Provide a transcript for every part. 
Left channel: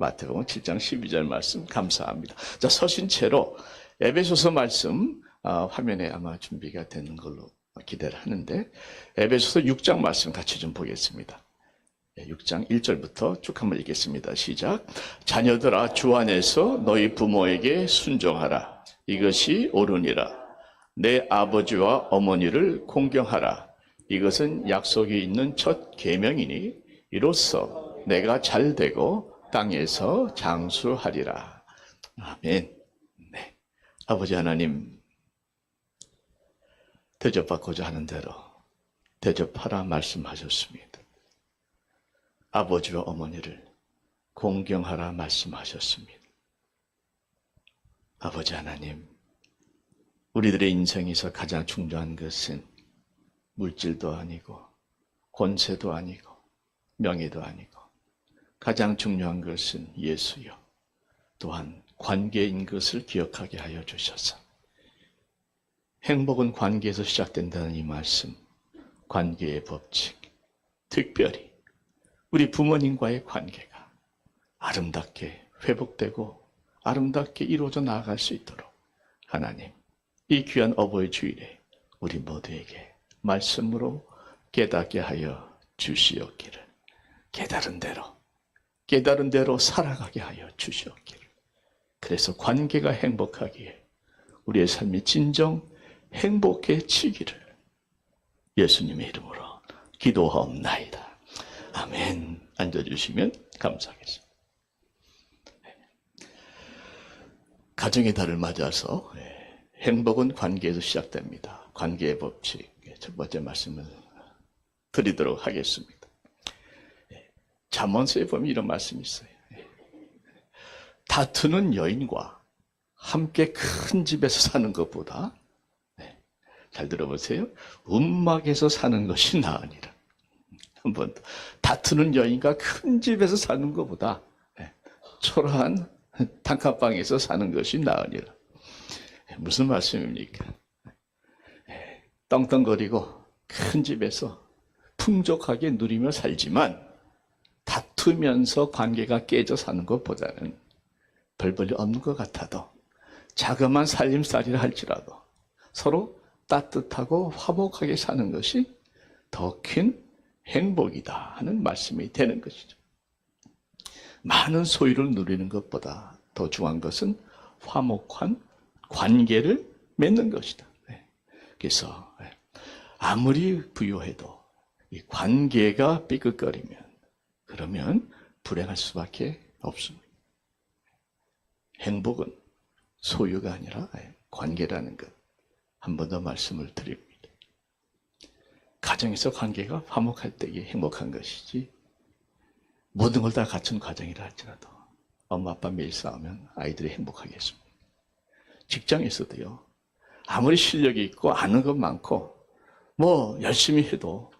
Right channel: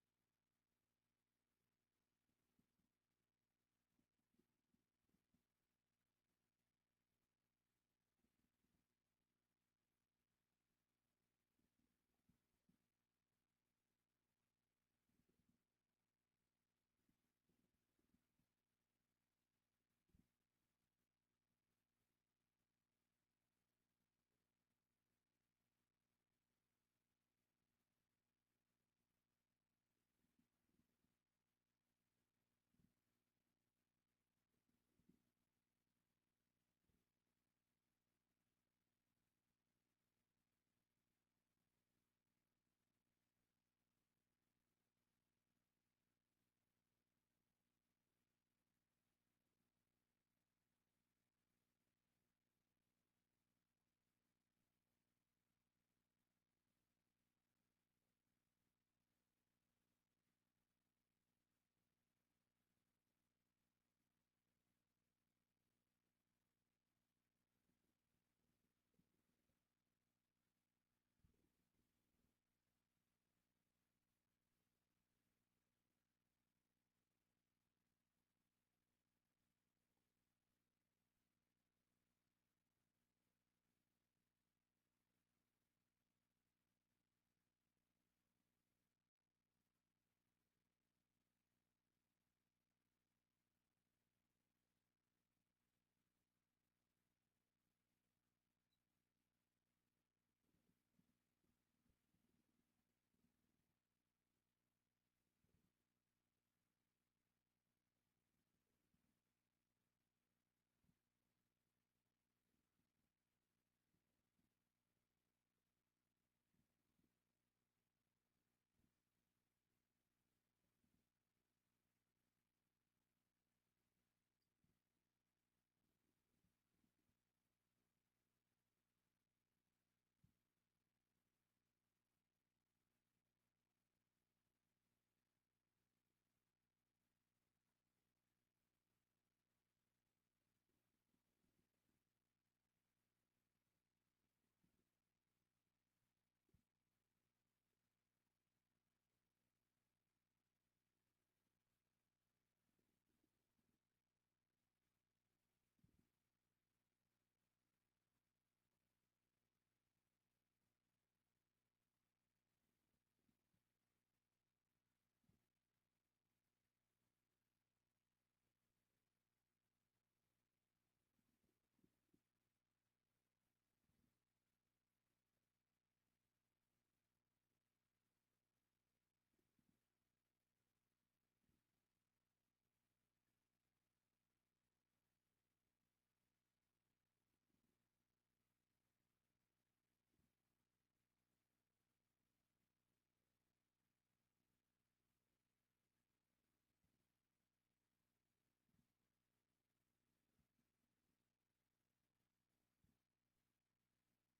마태복음 7장 12절 말씀 감사합니다. 자, 서신 채로 에베소서 말씀 화면에 아마 준비가 되는 걸로 기대를 하는데 에베소서 6장 말씀 같이 좀 보겠습니다. 6장 1절부터 쭉 한번 읽겠습니다. 시작. 자녀들아 주 안에서 너희 부모에게 순종하라. 이것이 옳으니라. 내 아버지와 어머니를 공경하라. 이것은 약속이 있는 첫 계명이니 이로써 내가 잘되고 땅에서 장수하리라. 아멘. 네. 아버지 하나님, 대접받고자 하는 대로 대접하라 말씀하셨습니다. 아버지와 어머니를 공경하라 말씀하셨습니다. 아버지 하나님, 우리들의 인생에서 가장 중요한 것은 물질도 아니고 권세도 아니고 명예도 아니고 가장 중요한 것은 예수요. 또한 관계인 것을 기억하게 하여 주셔서 행복은 관계에서 시작된다는 이 말씀, 관계의 법칙, 특별히 우리 부모님과의 관계가 아름답게 회복되고 아름답게 이루어져 나아갈 수 있도록 하나님, 이 귀한 어버이 주일에 우리 모두에게 말씀으로 깨닫게 하여 주시옵기를, 깨달은 대로 살아가게 하여 주시옵기를. 그래서 관계가 행복하기에 우리의 삶이 진정 행복해지기를 예수님의 이름으로 기도하옵나이다. 아멘. 앉아주시면 감사하겠습니다. 가정의 달을 맞아서 행복은 관계에서 시작됩니다. 관계의 법칙 첫 번째 말씀을 드리도록 하겠습니다. 잠언서에 보면 이런 말씀이 있어요. 다투는 여인과 함께 큰 집에서 사는 것보다, 잘 들어보세요, 움막에서 사는 것이 나으니라. 한 번 더. 다투는 여인과 큰 집에서 사는 것보다 초라한 단칸방에서 사는 것이 나으니라. 무슨 말씀입니까? 떵떵거리고 큰 집에서 풍족하게 누리며 살지만 다투면서 관계가 깨져 사는 것보다는 별 볼일 없는 것 같아도 자그마한 살림살이라 할지라도 서로 따뜻하고 화목하게 사는 것이 더 큰 행복이다 하는 말씀이 되는 것이죠. 많은 소유를 누리는 것보다 더 중요한 것은 화목한 관계를 맺는 것이다. 그래서 아무리 부유해도 이 관계가 삐걱거리면 그러면 불행할 수밖에 없습니다. 행복은 소유가 아니라 관계라는 것, 한 번 더 말씀을 드립니다. 가정에서 관계가 화목할 때에 행복한 것이지, 모든 걸 다 갖춘 가정이라 할지라도 엄마 아빠 매일 싸우면 아이들이 행복하겠습니다. 직장에서도요, 아무리 실력이 있고 아는 것 많고 뭐 열심히 해도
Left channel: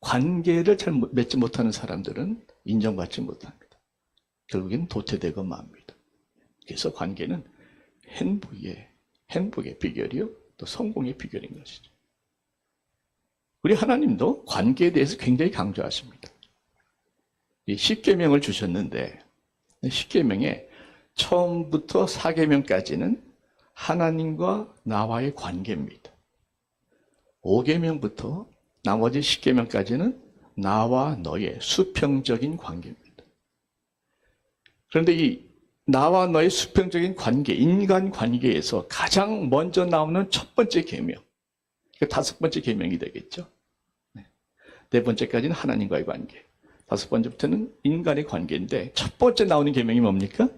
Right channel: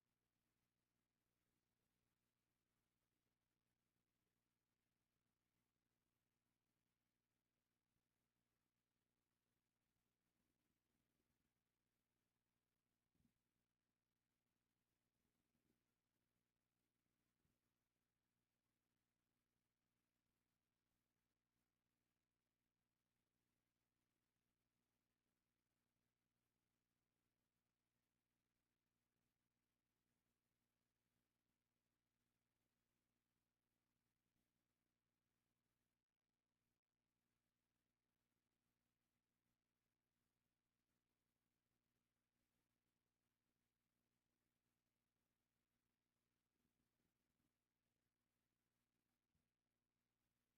관계를 잘 맺지 못하는 사람들은 인정받지 못합니다. 결국엔 도태되고 맙니다. 그래서 관계는 행복의 비결이요, 또 성공의 비결인 것이죠. 우리 하나님도 관계에 대해서 굉장히 강조하십니다. 이 십계명을 주셨는데 십계명에 처음부터 사계명까지는 하나님과 나와의 관계입니다. 5계명부터 나머지 10계명까지는 나와 너의 수평적인 관계입니다. 그런데 이 나와 너의 수평적인 관계, 인간 관계에서 가장 먼저 나오는 첫 번째 계명, 다섯 번째 계명이 되겠죠. 네 번째까지는 하나님과의 관계, 다섯 번째부터는 인간의 관계인데 첫 번째 나오는 계명이 뭡니까?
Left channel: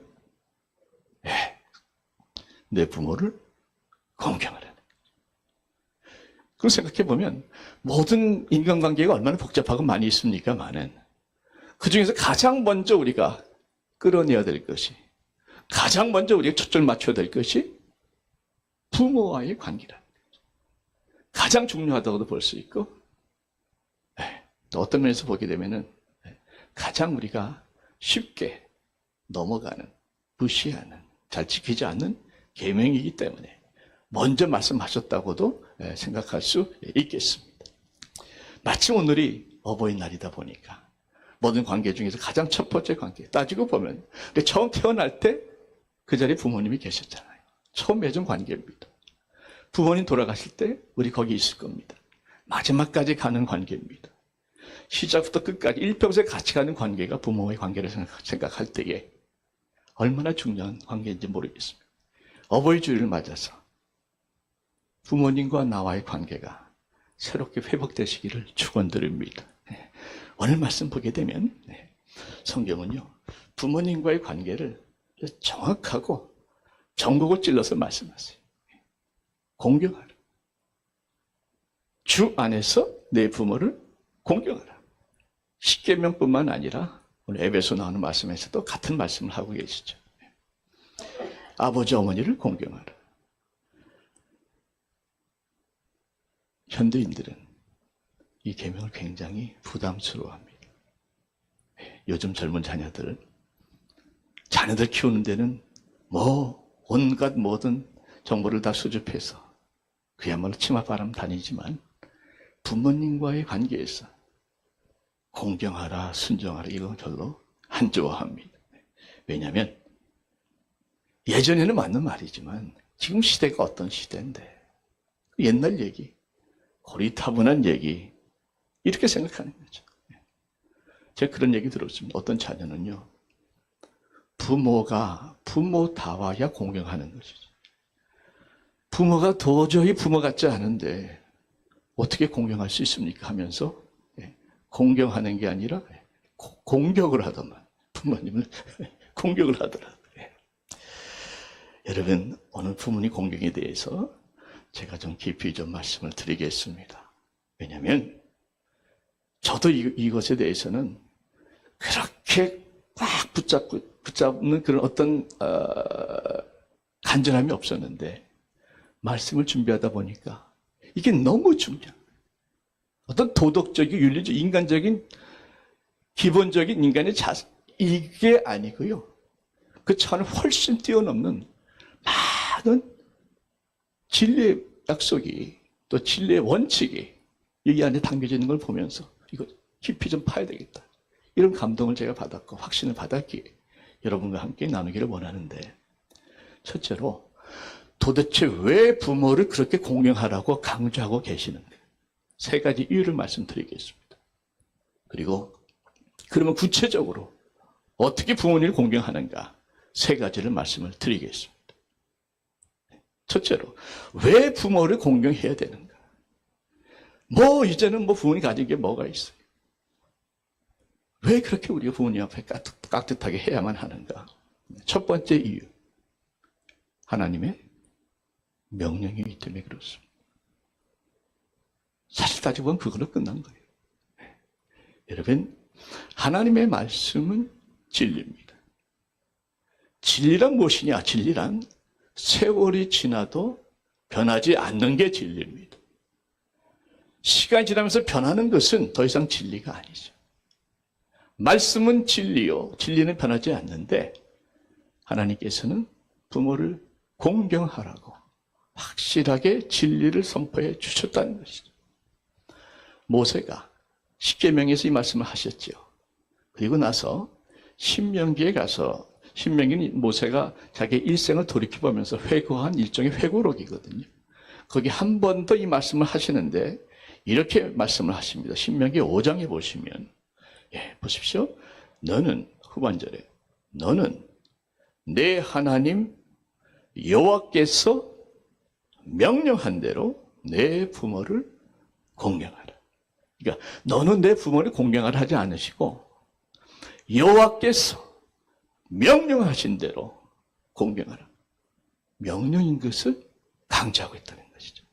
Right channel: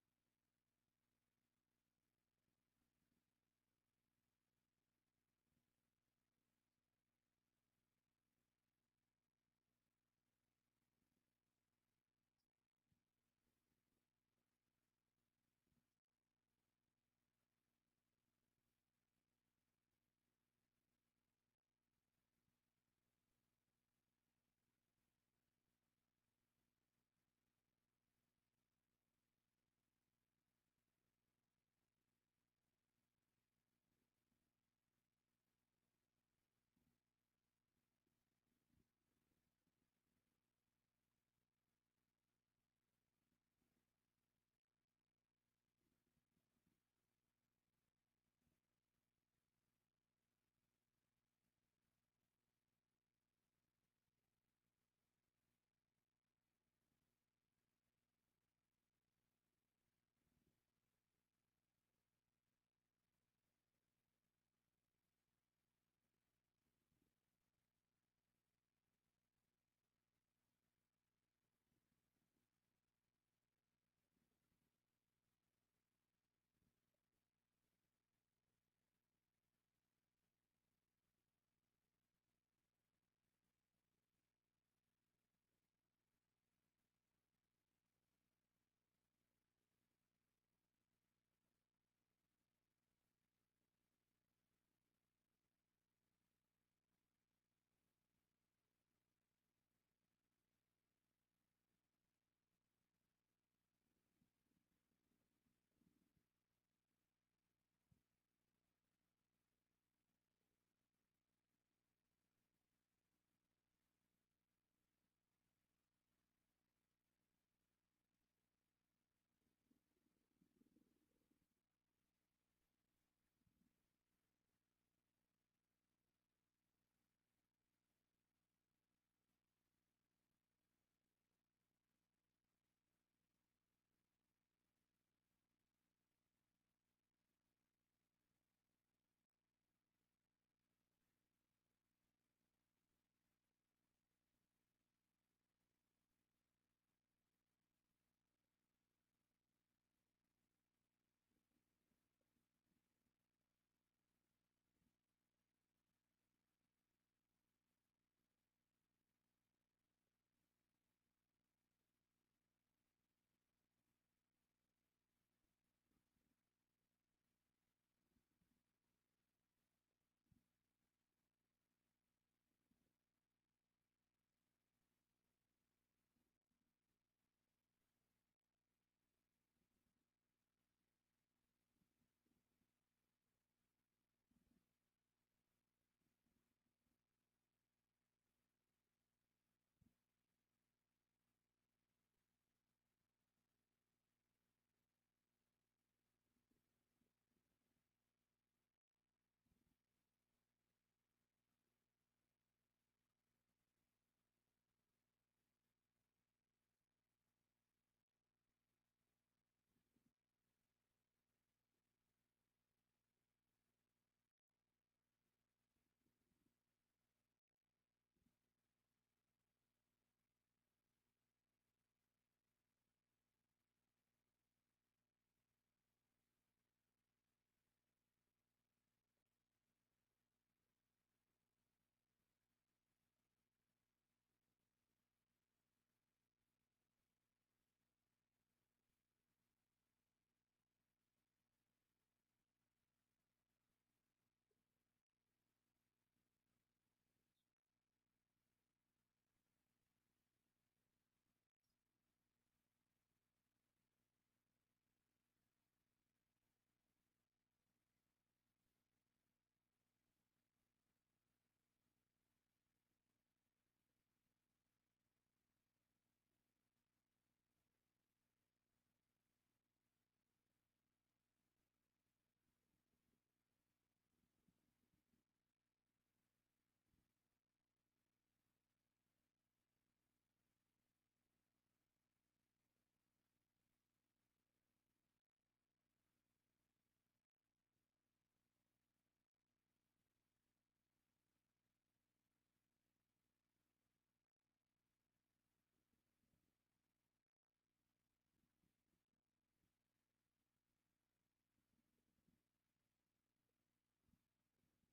내 부모를 공경하라는 거죠. 그걸 생각해 보면 모든 인간관계가 얼마나 복잡하고 많이 있습니까만은 그 중에서 가장 먼저 우리가 끌어내야 될 것이, 가장 먼저 우리가 초점을 맞춰야 될 것이 부모와의 관계라는 거죠. 가장 중요하다고도 볼 수 있고, 또 어떤 면에서 보게 되면은 가장 우리가 쉽게 넘어가는, 무시하는, 잘 지키지 않는 계명이기 때문에 먼저 말씀하셨다고도 생각할 수 있겠습니다. 마침 오늘이 어버이날이다 보니까 모든 관계 중에서 가장 첫 번째 관계. 따지고 보면 처음 태어날 때 그 자리에 부모님이 계셨잖아요. 처음 맺은 관계입니다. 부모님 돌아가실 때 우리 거기 있을 겁니다. 마지막까지 가는 관계입니다. 시작부터 끝까지 일평생 같이 가는 관계가 부모의 관계를 생각할 때에 얼마나 중요한 관계인지 모르겠습니다. 어버이 주일을 맞아서 부모님과 나와의 관계가 새롭게 회복되시기를 축원드립니다. 오늘 말씀 보게 되면 성경은요, 부모님과의 관계를 정확하고 전곡을 찔러서 말씀하세요. 공경하라. 주 안에서 내 부모를 공경하라. 십계명뿐만 아니라 오늘 에베소 나오는 말씀에서도 같은 말씀을 하고 계시죠. 아버지 어머니를 공경하라. 현대인들은 이 계명을 굉장히 부담스러워합니다. 요즘 젊은 자녀들 키우는 데는 온갖 모든 정보를 다 수집해서 그야말로 치맛바람 다니지만 부모님과의 관계에서 공경하라, 순종하라 이건 별로 안 좋아합니다. 왜냐하면 예전에는 맞는 말이지만 지금 시대가 어떤 시대인데 옛날 얘기, 고리타분한 얘기 이렇게 생각하는 거죠. 제가 그런 얘기 들었습니다. 어떤 자녀는요, 부모가 부모 다와야 공경하는 것이죠. 부모가 도저히 부모 같지 않은데 어떻게 공경할 수 있습니까? 하면서 공경하는 게 아니라 공격을 하더만 부모님을 공격을 하더라고요. 여러분, 오늘 부모님 공경에 대해서 제가 좀 깊이 좀 말씀을 드리겠습니다. 왜냐하면 저도 이것에 대해서는 그렇게 꽉 붙잡는 그런 어떤 간절함이 없었는데 말씀을 준비하다 보니까 이게 너무 중요한 어떤 도덕적인, 윤리적, 인간적인 기본적인 인간의 자세 이게 아니고요. 그 차원을 훨씬 뛰어넘는 많은 진리의 약속이 또 진리의 원칙이 여기 안에 담겨져 있는 걸 보면서 이거 깊이 좀 파야 되겠다. 이런 감동을 제가 받았고 확신을 받았기에 여러분과 함께 나누기를 원하는데, 첫째로 도대체 왜 부모를 그렇게 공경하라고 강조하고 계시는가? 세 가지 이유를 말씀드리겠습니다. 그리고 그러면 구체적으로 어떻게 부모님을 공경하는가? 세 가지를 말씀을 드리겠습니다. 첫째로 왜 부모를 공경해야 되는가? 이제는 부모님 가진 게 뭐가 있어요? 왜 그렇게 우리가 부모님 앞에 깍듯하게 해야만 하는가? 첫 번째 이유, 하나님의 명령이기 때문에 그렇습니다. 사실 따지고 보면 그걸로 끝난 거예요. 여러분, 하나님의 말씀은 진리입니다. 진리란 무엇이냐? 진리란 세월이 지나도 변하지 않는 게 진리입니다. 시간이 지나면서 변하는 것은 더 이상 진리가 아니죠. 말씀은 진리요. 진리는 변하지 않는데 하나님께서는 부모를 공경하라고 확실하게 진리를 선포해 주셨다는 것이죠. 모세가 십계명에서 이 말씀을 하셨죠. 그리고 나서 신명기에 가서, 신명기는 모세가 자기의 일생을 돌이켜보면서 회고한 일종의 회고록이거든요. 거기 한 번 더 이 말씀을 하시는데 이렇게 말씀을 하십니다. 신명기 5장에 보시면, 보십시오. 너는, 후반절에, 너는 내 하나님 여호와께서 명령한 대로 내 부모를 공경하라. 그러니까 너는 내 부모를 공경하라 하지 않으시고 여호와께서 명령하신 대로 공경하라. 명령인 것을 강조하고 있다는 것이죠.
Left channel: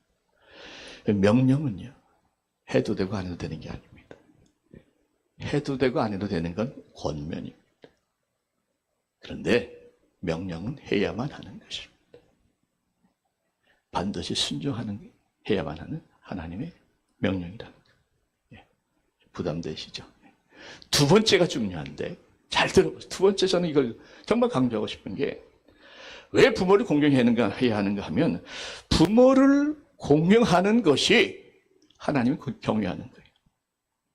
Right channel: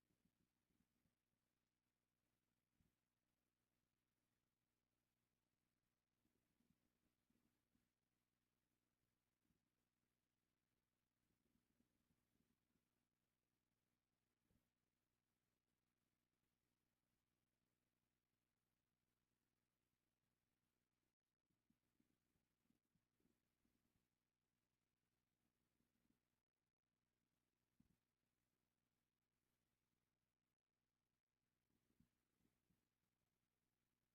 명령은요, 해도 되고 안 해도 되는 게 아닙니다. 해도 되고 안 해도 되는 건 권면입니다. 그런데 명령은 해야만 하는 것입니다. 반드시 해야만 하는 하나님의 명령이라는 거예요. 부담되시죠? 두 번째가 중요한데 잘 들어보세요. 두 번째, 저는 이걸 정말 강조하고 싶은 게, 왜 부모를 공경해야 하는가 하면 부모를 공경하는 것이 하나님을 경외하는 거예요.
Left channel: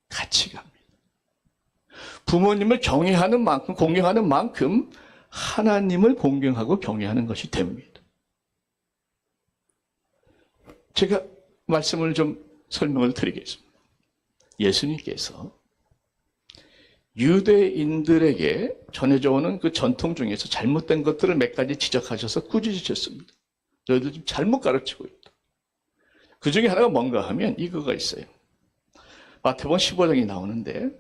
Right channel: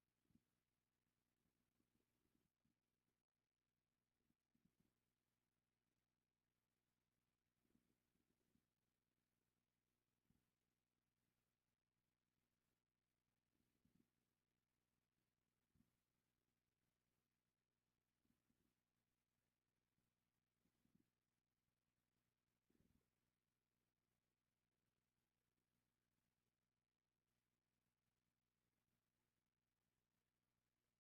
가치가입니다. 부모님을 경외하는 만큼, 공경하는 만큼 하나님을 공경하고 경외하는 것이 됩니다. 제가 말씀을 좀 설명을 드리겠습니다. 예수님께서 유대인들에게 전해져 오는 그 전통 중에서 잘못된 것들을 몇 가지 지적하셔서 꾸짖으셨습니다. 너희들 좀 잘못 가르치고 있다. 그 중에 하나가 뭔가 하면 이거가 있어요. 마태복음 15장이 나오는데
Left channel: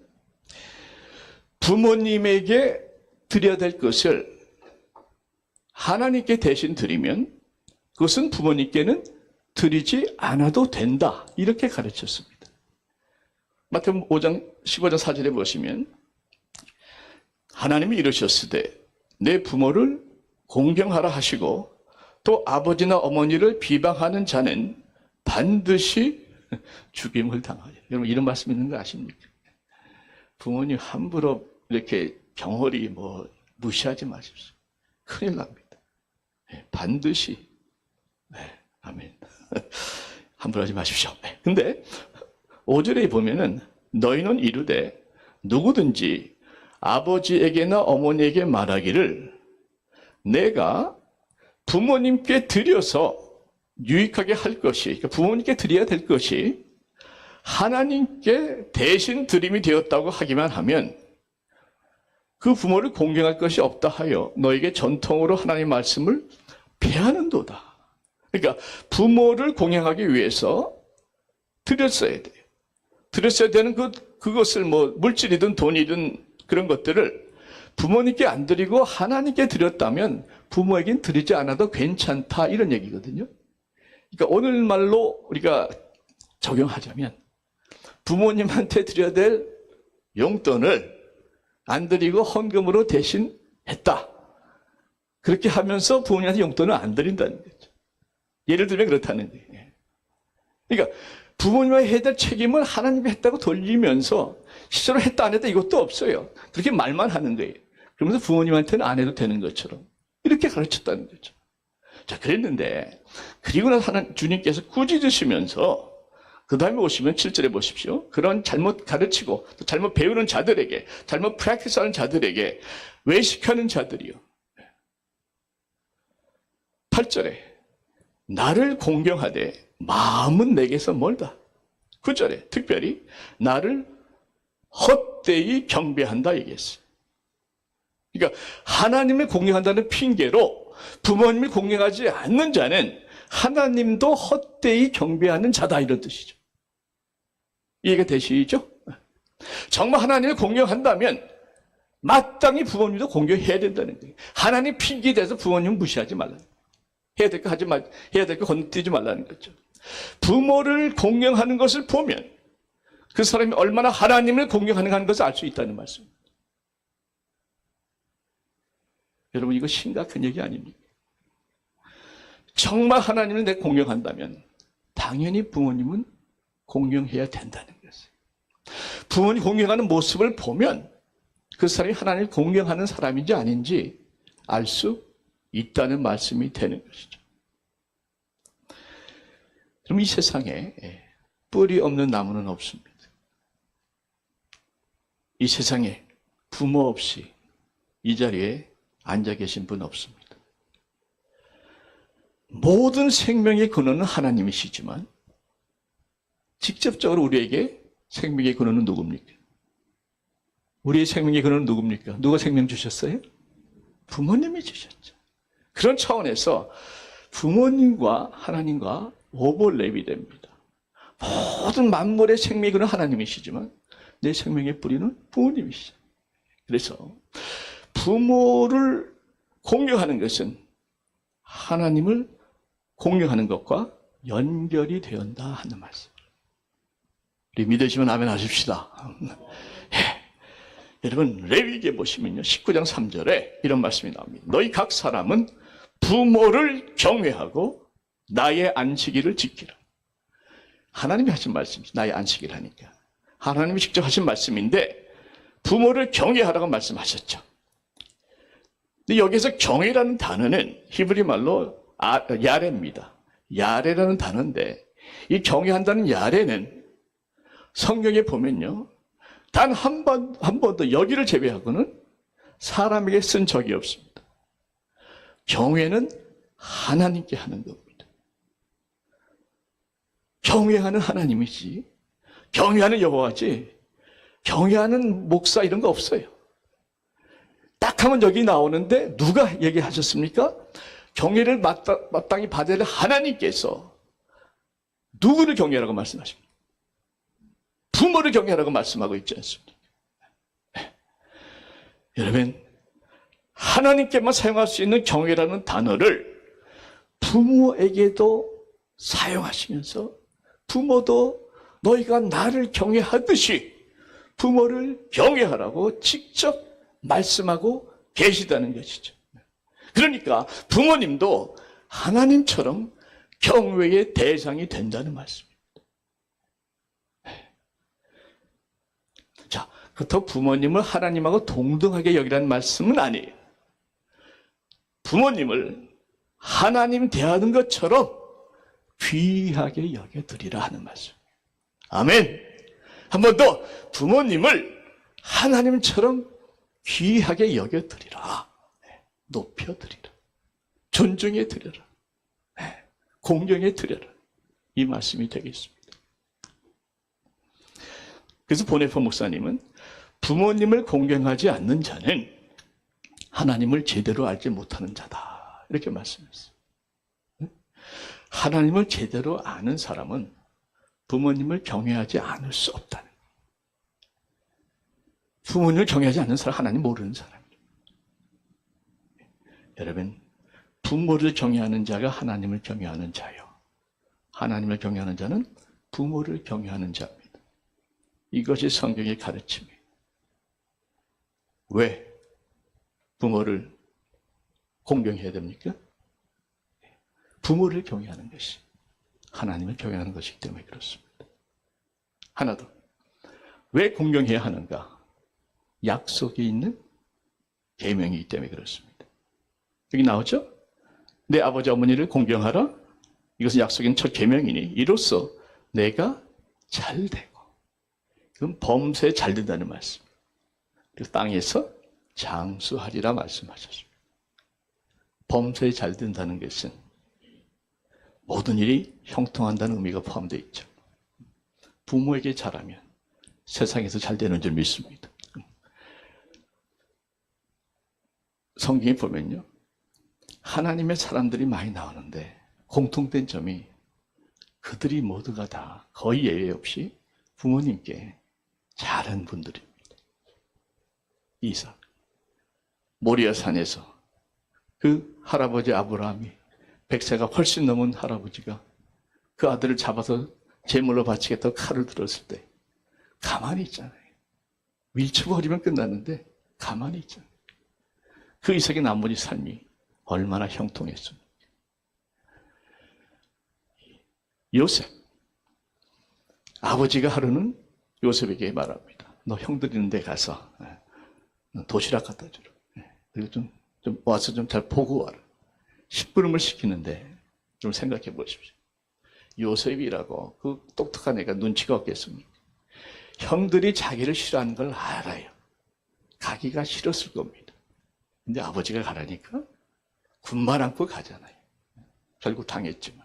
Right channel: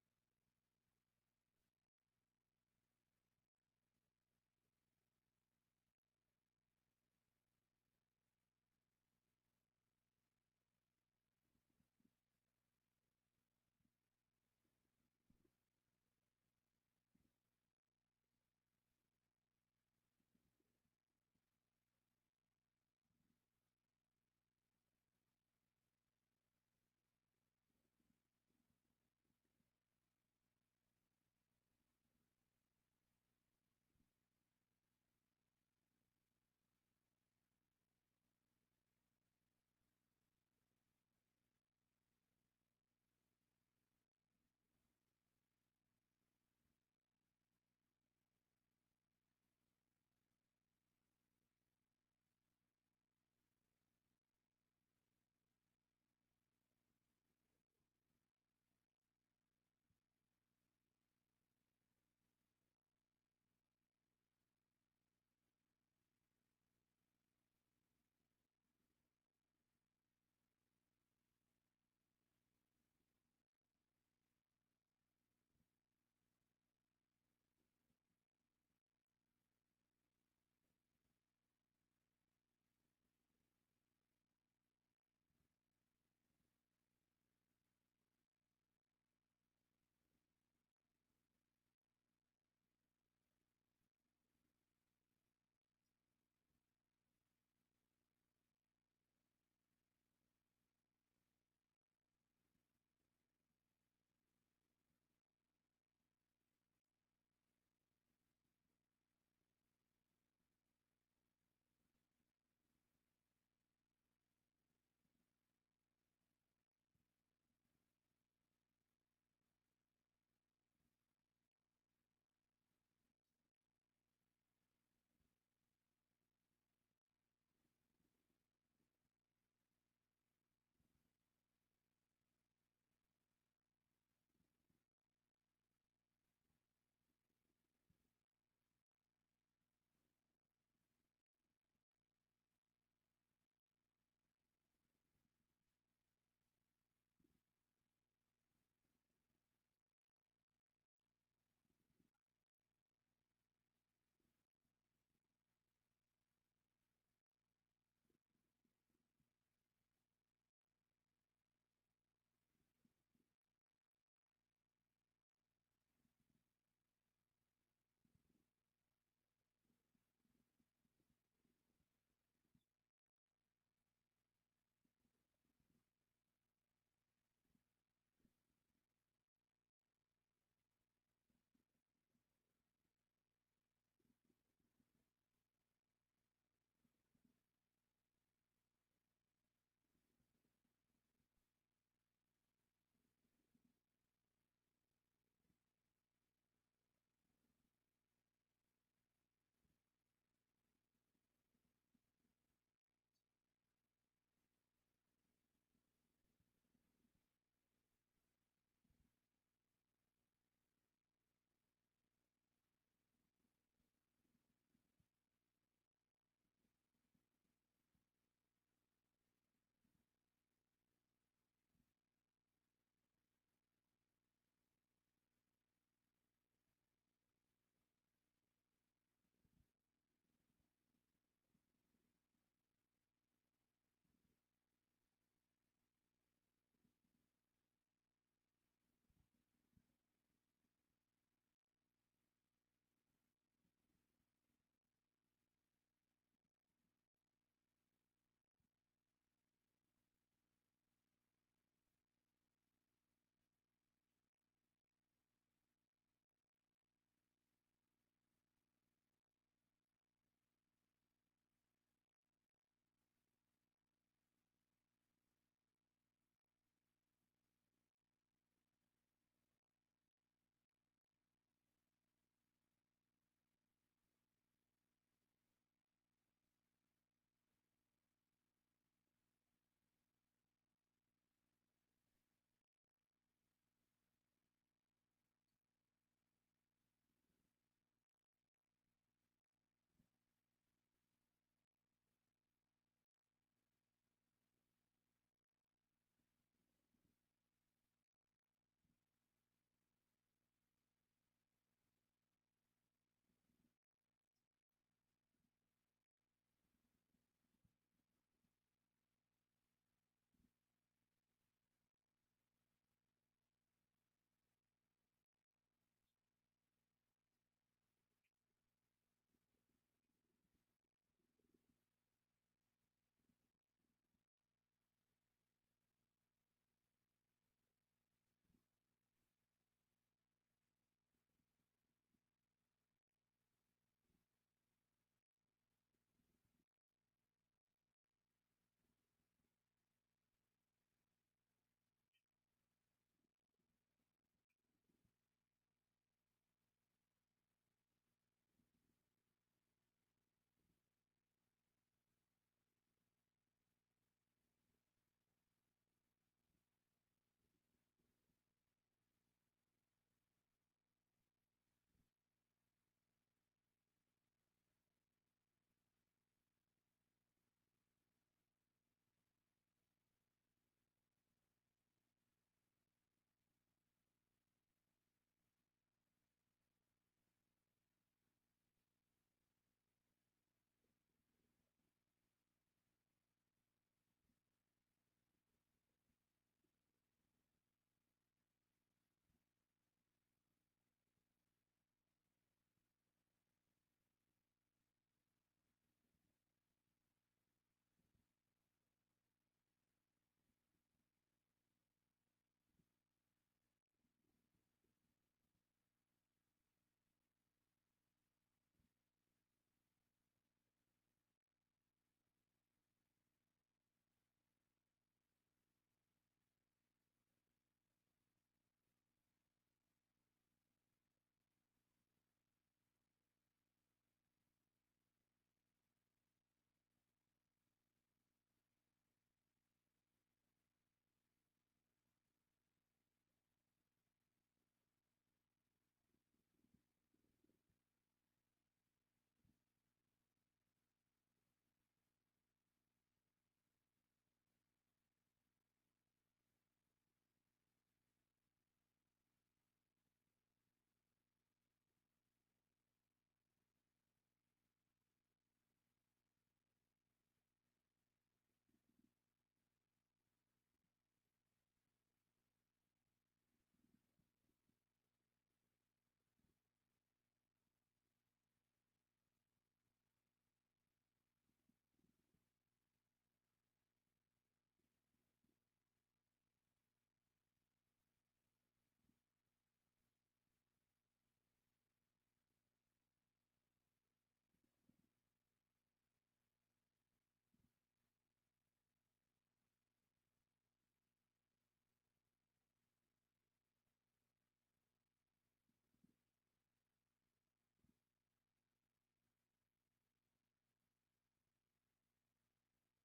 부모님에게 드려야 될 것을 하나님께 대신 드리면 그것은 부모님께는 드리지 않아도 된다. 이렇게 가르쳤습니다. 마태복음 15장 4절에 보시면 하나님이 이르셨으되 내 부모를 공경하라 하시고 또 아버지나 어머니를 비방하는 자는 반드시 죽임을 당하리라. 여러분 이런 말씀 있는 거 아십니까? 부모님 함부로 이렇게 경홀히 무시하지 마십시오. 큰일 납니다. 네, 반드시. 네, 아멘. 함부로 하지 마십시오. 네, 근데 5절에 보면은 너희는 이르되 누구든지 아버지에게나 어머니에게 말하기를 내가 부모님께 드려서 유익하게 할 것이, 그러니까 부모님께 드려야 될 것이 하나님께 대신 드림이 되었다고 하기만 하면 그 부모를 공경할 것이 없다 하여 너에게 전통으로 하나님의 말씀을 폐하는도다. 그러니까 부모를 공경하기 위해서 드렸어야 돼요. 드렸어야 되는 그것을 물질이든 돈이든 그런 것들을 부모님께 안 드리고 하나님께 드렸다면 부모에겐 드리지 않아도 괜찮다 이런 얘기거든요. 그러니까 오늘말로 우리가 적용하자면 부모님한테 드려야 될 용돈을 안 드리고 헌금으로 대신 했다. 그렇게 하면서 부모님한테 용돈을 안 드린다는 거죠. 예를 들면 그렇다는 거예요. 그러니까 부모님이 해야 될 책임을 하나님이 했다고 돌리면서 실제로 했다 안 했다 이것도 없어요. 그렇게 말만 하는 거예요. 그러면서 부모님한테는 안 해도 되는 것처럼 이렇게 가르쳤다는 거죠. 자, 그랬는데 그리고 나서 주님께서 꾸짖으시면서 그 다음에 오시면 7절에 보십시오. 그런 잘못 가르치고 또 잘못 배우는 자들에게, 잘못 프랙티스하는 자들에게 외식하는 자들이요. 8절에 나를 공경하되 마음은 내게서 멀다. 9절에 특별히 나를 헛되이 경배한다 얘기했어요. 그러니까 하나님을 공경한다는 핑계로 부모님을 공경하지 않는 자는 하나님도 헛되이 경배하는 자다 이런 뜻이죠. 이해가 되시죠? 정말 하나님을 공경한다면 마땅히 부모님도 공경해야 된다는 거예요. 하나님 핑계에 대해서 부모님을 무시하지 말라는 거예요. 해야 될 거 하지 말, 해야 될 거 건드리지 말라는 거죠. 부모를 공경하는 것을 보면 그 사람이 얼마나 하나님을 공경하는 것을 알 수 있다는 말씀입니다. 여러분 이거 심각한 얘기 아닙니까? 정말 하나님을 내가 공경한다면 당연히 부모님은 공경해야 된다는 것이에요. 부모님 공경하는 모습을 보면 그 사람이 하나님을 공경하는 사람인지 아닌지 알 수 있다는 말씀이 되는 것이죠. 그럼 이 세상에 뿌리 없는 나무는 없습니다. 이 세상에 부모 없이 이 자리에 앉아 계신 분 없습니다. 모든 생명의 근원은 하나님이시지만 직접적으로 우리에게 생명의 근원은 누굽니까? 우리의 생명의 근원은 누굽니까? 누가 생명 주셨어요? 부모님이 주셨죠. 그런 차원에서 부모님과 하나님과 오버랩이 됩니다. 모든 만물의 생명의 근원은 하나님이시지만 내 생명의 뿌리는 부모님이시죠. 그래서 부모를 공경하는 것은 하나님을 공경하는 것과 연결이 되었다 하는 말씀. 우리 믿으시면 아멘 하십시다. 여러분 레위기에 보시면요 19장 3절에 이런 말씀이 나옵니다. 너희 각 사람은 부모를 경외하고 나의 안식일을 지키라. 하나님이 하신 말씀이죠. 나의 안식일 하니까. 하나님이 직접 하신 말씀인데 부모를 경외하라고 말씀하셨죠. 근데 여기서 경외라는 단어는 히브리 말로 야레입니다. 야레라는 단어인데 이 경외한다는 야레는 성경에 보면요 단 한 번도 여기를 제외하고는 사람에게 쓴 적이 없습니다. 경외는 하나님께 하는 겁니다. 경외하는 하나님이지, 경외하는 여호와지, 경외하는 목사 이런 거 없어요. 딱 하면 여기 나오는데 누가 얘기하셨습니까? 경외를 마땅히 받아야 할 하나님께서 누구를 경외하라고 말씀하십니까? 부모를 경외하라고 말씀하고 있지 않습니까? 네. 여러분, 하나님께만 사용할 수 있는 경외라는 단어를 부모에게도 사용하시면서 부모도 너희가 나를 경외하듯이 부모를 경외하라고 직접 말씀하고 계시다는 것이죠. 그러니까 부모님도 하나님처럼 경외의 대상이 된다는 말씀입니다. 자, 그렇다고 부모님을 하나님하고 동등하게 여기라는 말씀은 아니에요. 부모님을 하나님 대하는 것처럼 귀하게 여겨드리라 하는 말씀. 아멘. 한 번 더, 부모님을 하나님처럼 귀하게 여겨드리라. 높여드리라. 존중해드려라. 공경해드려라. 이 말씀이 되겠습니다. 그래서 보네포 목사님은 부모님을 공경하지 않는 자는 하나님을 제대로 알지 못하는 자다. 이렇게 말씀했어요. 하나님을 제대로 아는 사람은 부모님을 경외하지 않을 수 없다는 거예요. 부모님을 경외하지 않는 사람, 하나님 모르는 사람이에요. 여러분, 부모를 경외하는 자가 하나님을 경외하는 자요. 하나님을 경외하는 자는 부모를 경외하는 자입니다. 이것이 성경의 가르침이에요. 왜 부모를 공경해야 됩니까? 부모를 경외하는 것이 하나님을 경외하는 것이기 때문에 그렇습니다. 하나 더. 왜 공경해야 하는가? 약속이 있는 계명이기 때문에 그렇습니다. 여기 나오죠? 내 아버지 어머니를 공경하라. 이것은 약속이 있는 첫 계명이니 이로써 내가 잘 되고, 그건 범사에 잘 된다는 말씀. 그리고 땅에서 장수하리라 말씀하셨습니다. 범사에 잘 된다는 것은 모든 일이 형통한다는 의미가 포함되어 있죠. 부모에게 잘하면 세상에서 잘 되는 줄 믿습니다. 성경에 보면요, 하나님의 사람들이 많이 나오는데 공통된 점이 그들이 모두가 다 거의 예외 없이 부모님께 잘한 분들입니다. 이삭, 모리아 산에서 그 할아버지 아브라함이 100세가 훨씬 넘은 할아버지가 그 아들을 잡아서 제물로 바치겠다고 칼을 들었을 때 가만히 있잖아요. 밀쳐버리면 끝났는데 가만히 있잖아요. 그 이삭의 나머지 삶이 얼마나 형통했습니까? 요셉, 아버지가 하루는 요셉에게 말합니다. 너 형들 있는 데 가서 도시락 갖다 주라. 그리고 좀 와서 좀 잘 보고 와라. 심부름을 시키는데 좀 생각해 보십시오. 요셉이라고 그 똑똑한 애가 눈치가 없겠습니까? 형들이 자기를 싫어하는 걸 알아요. 가기가 싫었을 겁니다. 근데 아버지가 가라니까 군말 안고 가잖아요. 결국 당했지만.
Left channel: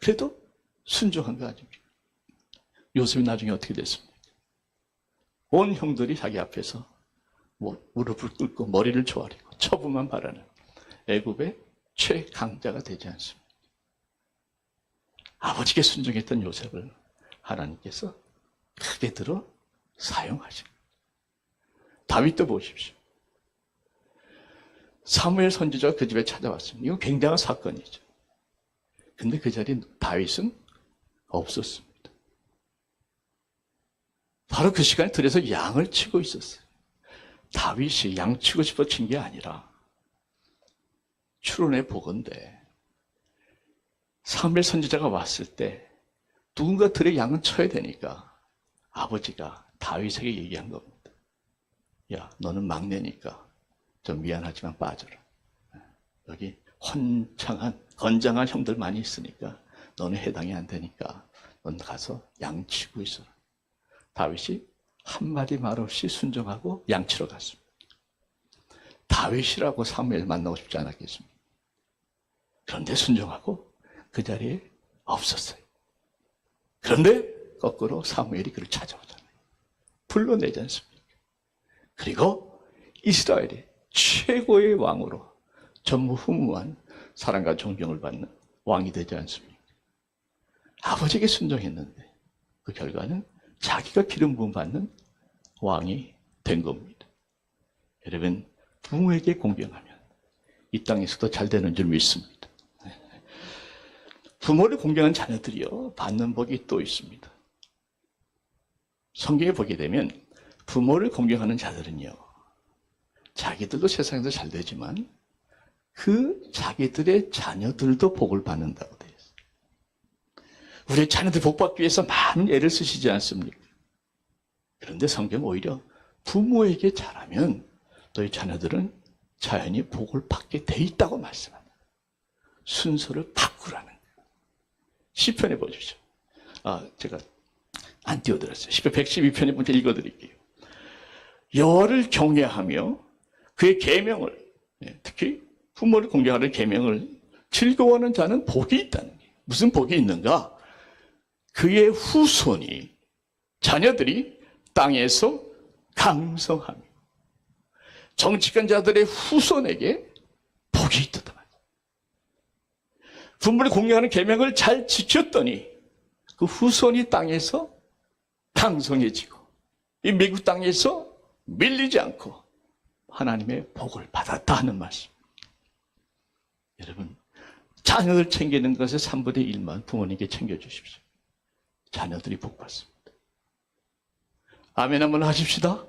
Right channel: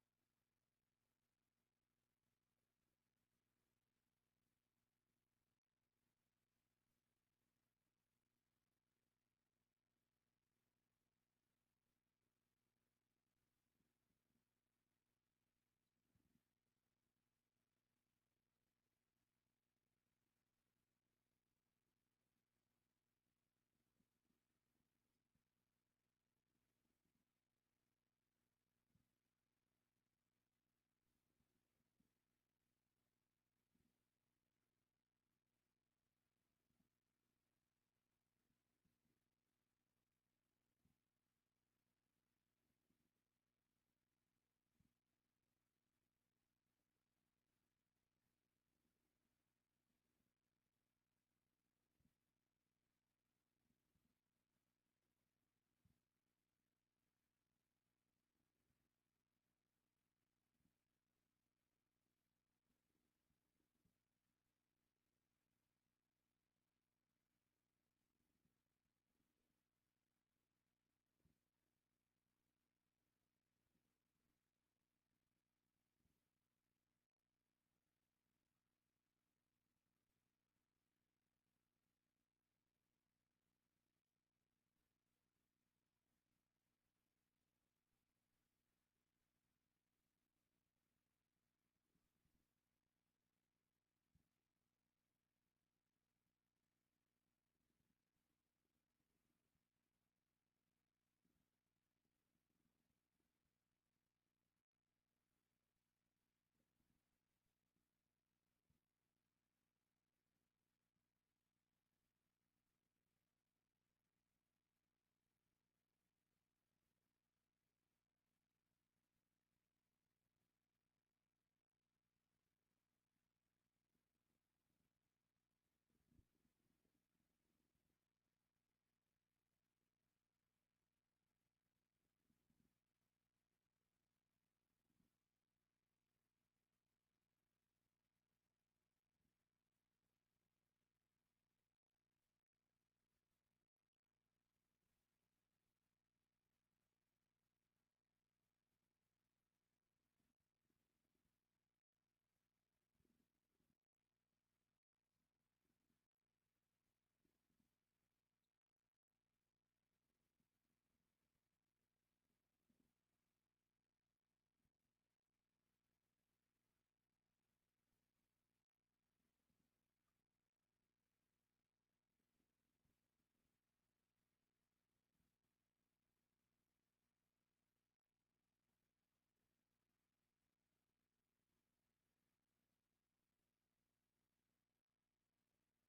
그래도 순종한 거 아닙니까? 요셉이 나중에 어떻게 됐습니까? 온 형들이 자기 앞에서 무릎을 꿇고 머리를 조아리고 처분만 바라는 애굽의 최강자가 되지 않습니다. 아버지께 순종했던 요셉을 하나님께서 크게 들어 사용하십니다. 다윗도 보십시오. 사무엘 선지자가 그 집에 찾아왔습니다. 이거 굉장한 사건이죠. 근데 그 자리에 다윗은 없었습니다. 바로 그 시간에 들에서 양을 치고 있었어요. 다윗이 양 치고 싶어 친 게 아니라 추론해 보건대 사무엘 선지자가 왔을 때 누군가 들의 양은 쳐야 되니까 아버지가 다윗에게 얘기한 겁니다. 야, 너는 막내니까 좀 미안하지만 빠져라. 여기 건장한 형들 많이 있으니까 너는 해당이 안 되니까 넌 가서 양 치고 있어라. 다윗이 한마디 말 없이 순종하고 양치러 갔습니다. 다윗이라고 사무엘 만나고 싶지 않았겠습니까? 그런데 순종하고 그 자리에 없었어요. 그런데 거꾸로 사무엘이 그를 찾아오잖아요. 불러내지 않습니까? 그리고 이스라엘의 최고의 왕으로 전무후무한 사랑과 존경을 받는 왕이 되지 않습니까? 아버지에게 순종했는데 그 결과는 자기가 기름 부음 받는 왕이 된 겁니다. 여러분, 부모에게 공경하면 이 땅에서도 잘 되는 줄 믿습니다. 부모를 공경한 자녀들이요, 받는 복이 또 있습니다. 성경에 보게 되면 부모를 공경하는 자들은요, 자기들도 세상에서 잘 되지만 그 자기들의 자녀들도 복을 받는다고 되어 있어요. 우리 자녀들 복 받기 위해서 많은 애를 쓰시지 않습니까? 그런데 성경은 오히려 부모에게 잘하면 너희 자녀들은 자연히 복을 받게 돼 있다고 말씀합니다. 순서를 바꾸라는 거예요. 시편에 보십시오. 제가 안 띄워드렸어요. 시편 112편에 먼저 읽어드릴게요. 여호와를 경외하며 그의 계명을, 특히 부모를 공경하는 계명을 즐거워하는 자는 복이 있다는 거예요. 무슨 복이 있는가? 그의 후손이, 자녀들이 땅에서 강성하며 정직한 자들의 후손에게 복이 있다. 부모를 공경하는 계명을 잘 지켰더니 그 후손이 땅에서 강성해지고 이 미국 땅에서 밀리지 않고 하나님의 복을 받았다 하는 말씀. 여러분, 자녀들 챙기는 것의 3분의 1만 부모님께 챙겨주십시오. 자녀들이 복 받습니다. 아멘 한번 하십시다.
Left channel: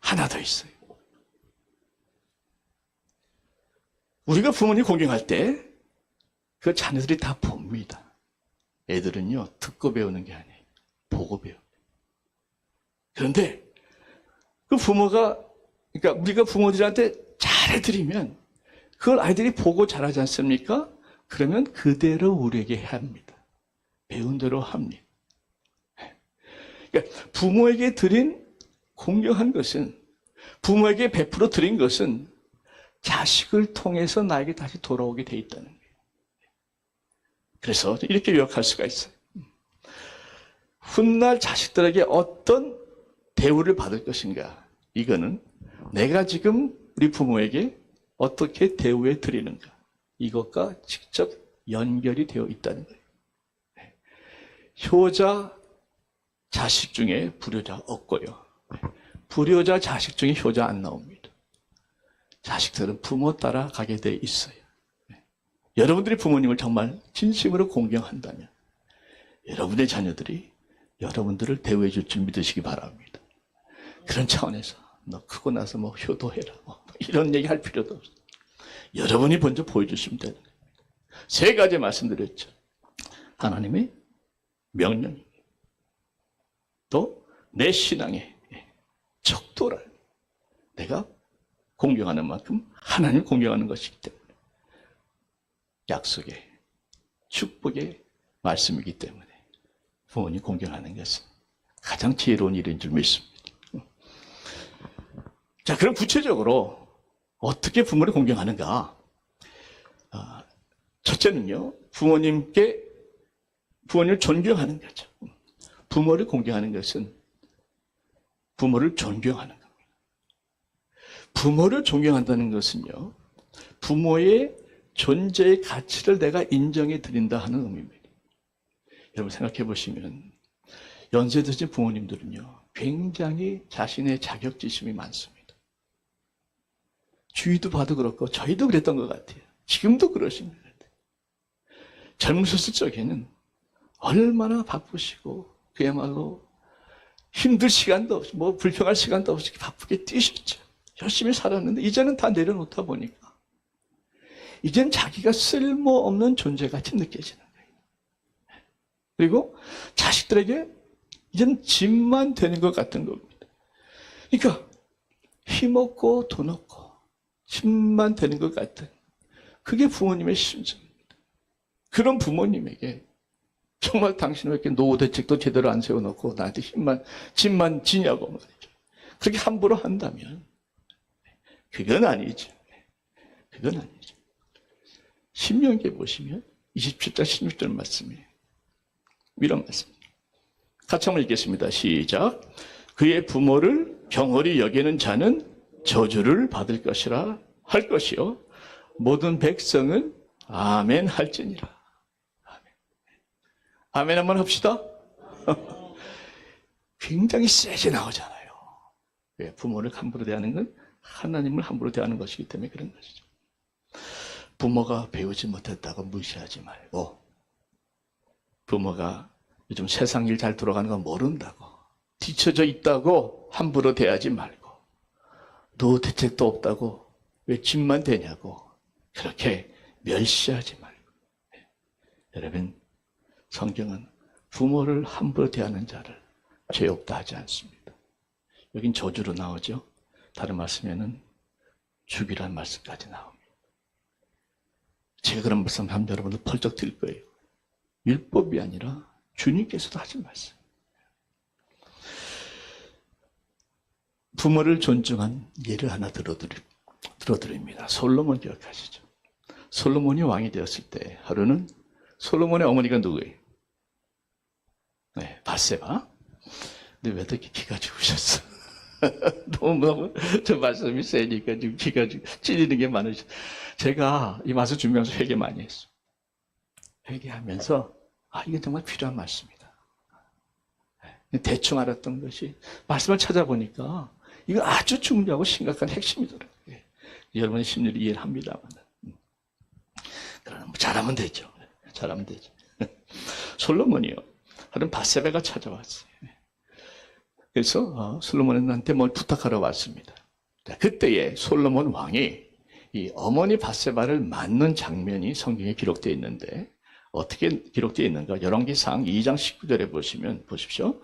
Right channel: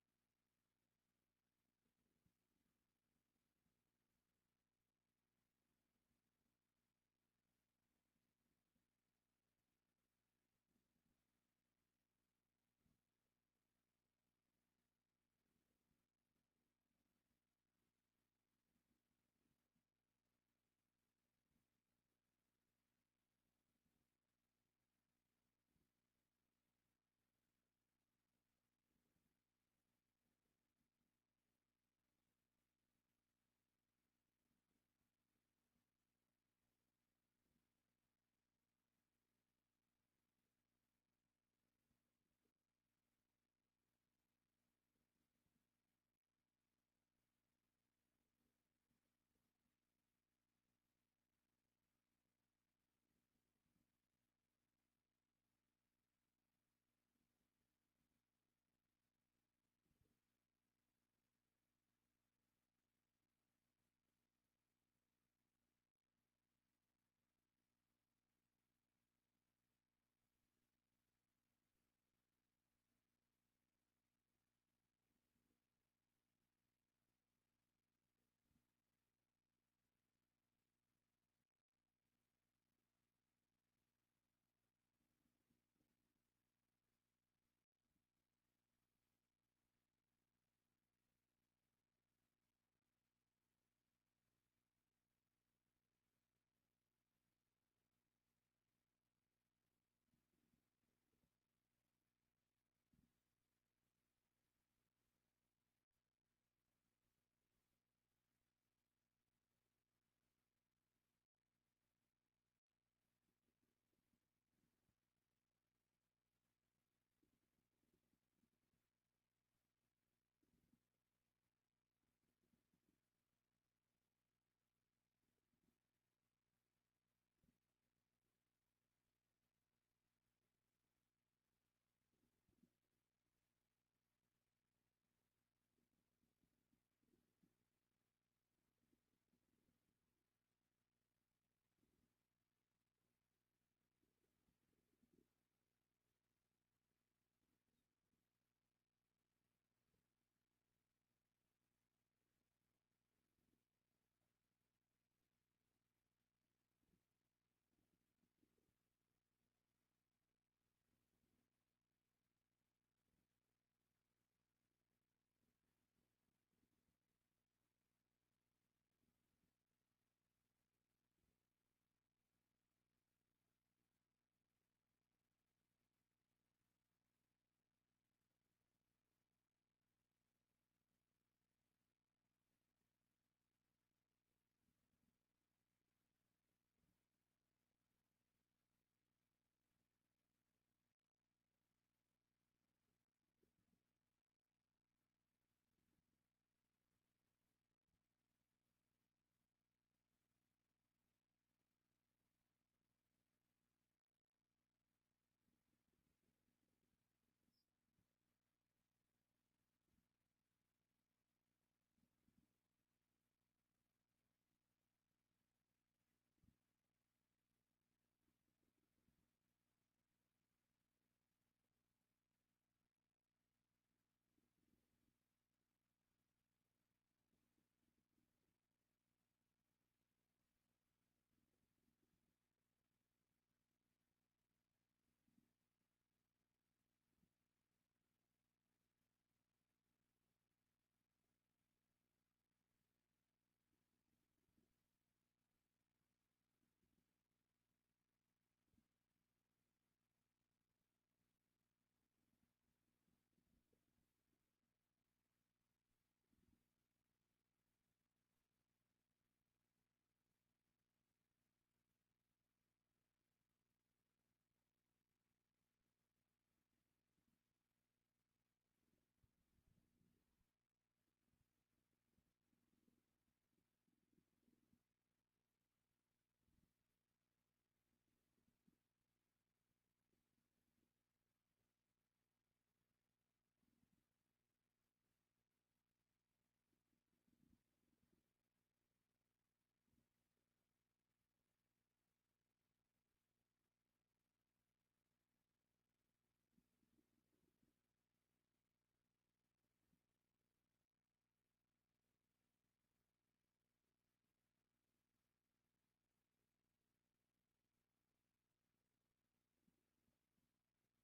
하나 더 있어요. 우리가 부모님 공경할 때 그 자녀들이 다 봅니다. 애들은요, 듣고 배우는 게 아니에요. 보고 배워요. 그런데 그 부모가, 그러니까 우리가 부모들한테 잘해드리면 그걸 아이들이 보고 잘하지 않습니까? 그러면 그대로 우리에게 합니다. 배운 대로 합니다. 그러니까 부모에게 드린 공경한 것은, 부모에게 베풀어 드린 것은 자식을 통해서 나에게 다시 돌아오게 돼 있다는 거예요. 그래서 이렇게 요약할 수가 있어요. 훗날 자식들에게 어떤 대우를 받을 것인가, 이거는 내가 지금 우리 부모에게 어떻게 대우해 드리는가, 이것과 직접 연결이 되어 있다는 거예요. 효자 자식 중에 불효자 없고요, 불효자 자식 중에 효자 안 나옵니다. 자식들은 부모 따라 가게 돼 있어요. 여러분들이 부모님을 정말 진심으로 공경한다면 여러분의 자녀들이 여러분들을 대우해 줄 줄 믿으시기 바랍니다. 그런 차원에서 너 크고 나서 뭐 효도해라, 이런 얘기 할 필요도 없어요. 여러분이 먼저 보여주시면 되는 거예요. 3가지 말씀드렸죠. 하나님의 명령입니다. 또 내 신앙의 척도라, 내가 공경하는 만큼 하나님을 공경하는 것이기 때문에, 약속의 축복의 말씀이기 때문에 부모님 공경하는 것은 가장 지혜로운 일인 줄 믿습니다. 자, 그럼 구체적으로 어떻게 부모를 공경하는가? 첫째는요, 부모님을 존경하는 거죠. 부모를 공경하는 것은 부모를 존경하는 겁니다. 부모를 존경한다는 것은요, 부모의 존재의 가치를 내가 인정해 드린다 하는 의미입니다. 여러분 생각해 보시면 연세 드신 부모님들은요, 굉장히 자신의 자격지심이 많습니다. 주위도 봐도 그렇고 저희도 그랬던 것 같아요. 지금도 그러신 것 같아요. 젊으셨을 적에는 얼마나 바쁘시고 그야말로 힘들 시간도 없이, 뭐 불평할 시간도 없이 바쁘게 뛰셨죠. 열심히 살았는데 이제는 다 내려놓다 보니까 이젠 자기가 쓸모없는 존재같이 느껴지는 거예요. 그리고 자식들에게 이젠 짐만 되는 것 같은 겁니다. 그러니까 힘없고 돈 없고 짐만 되는 것 같은, 그게 부모님의 심정입니다. 그런 부모님에게 정말 당신은 왜 이렇게 노후 대책도 제대로 안 세워놓고 나한테 짐만 지냐고 말이죠. 그렇게 함부로 한다면 그건 아니죠. 그건 아니죠. 신명기에 보시면 27장 16절 말씀이에요. 이런 말씀입니다. 같이 한번 읽겠습니다. 시작. 그의 부모를 경홀히 여기는 자는 저주를 받을 것이라 할 것이요 모든 백성은 아멘 할지니라. 아멘. 아멘 한번 합시다. 굉장히 세게 나오잖아요. 왜? 부모를 함부로 대하는 건 하나님을 함부로 대하는 것이기 때문에 그런 것이죠. 부모가 배우지 못했다고 무시하지 말고, 부모가 요즘 세상 일 잘 돌아가는 거 모른다고, 뒤처져 있다고 함부로 대하지 말고, 노후 대책도 없다고 왜 집만 되냐고 그렇게 멸시하지 말고. 여러분, 성경은 부모를 함부로 대하는 자를 죄 없다 하지 않습니다. 여긴 저주로 나오죠. 다른 말씀에는 죽이라는 말씀까지 나옵니다. 제가 그런 말씀 하면 여러분들 펄쩍 들 거예요. 율법이 아니라 주님께서도 하신 말씀. 부모를 존중한 예를 하나 들어드립니다. 솔로몬 기억하시죠? 솔로몬이 왕이 되었을 때 하루는 솔로몬의 어머니가 누구예요? 네, 밧세바. 근데 왜 이렇게 기가 죽으셨어? 너무 저 말씀이 세니까 지금 기가 찔리는 게 많으셔. 제가 이 말씀 준비하면서 회개 많이 했어요. 회개하면서 이게 정말 필요한 말씀이다. 대충 알았던 것이 말씀을 찾아보니까 이거 아주 중요하고 심각한 핵심이더라고요. 여러분의 심리를 이해를 합니다만. 그러면 잘하면 되죠. 잘하면 되죠. 솔로몬이요. 하여튼 밧세바가 찾아왔어요. 그래서 솔로몬한테 뭘 부탁하러 왔습니다. 그때에 솔로몬 왕이 이 어머니 밧세바를 맞는 장면이 성경에 기록되어 있는데 어떻게 기록되어 있는가? 열왕기상 2장 19절에 보시면 보십시오.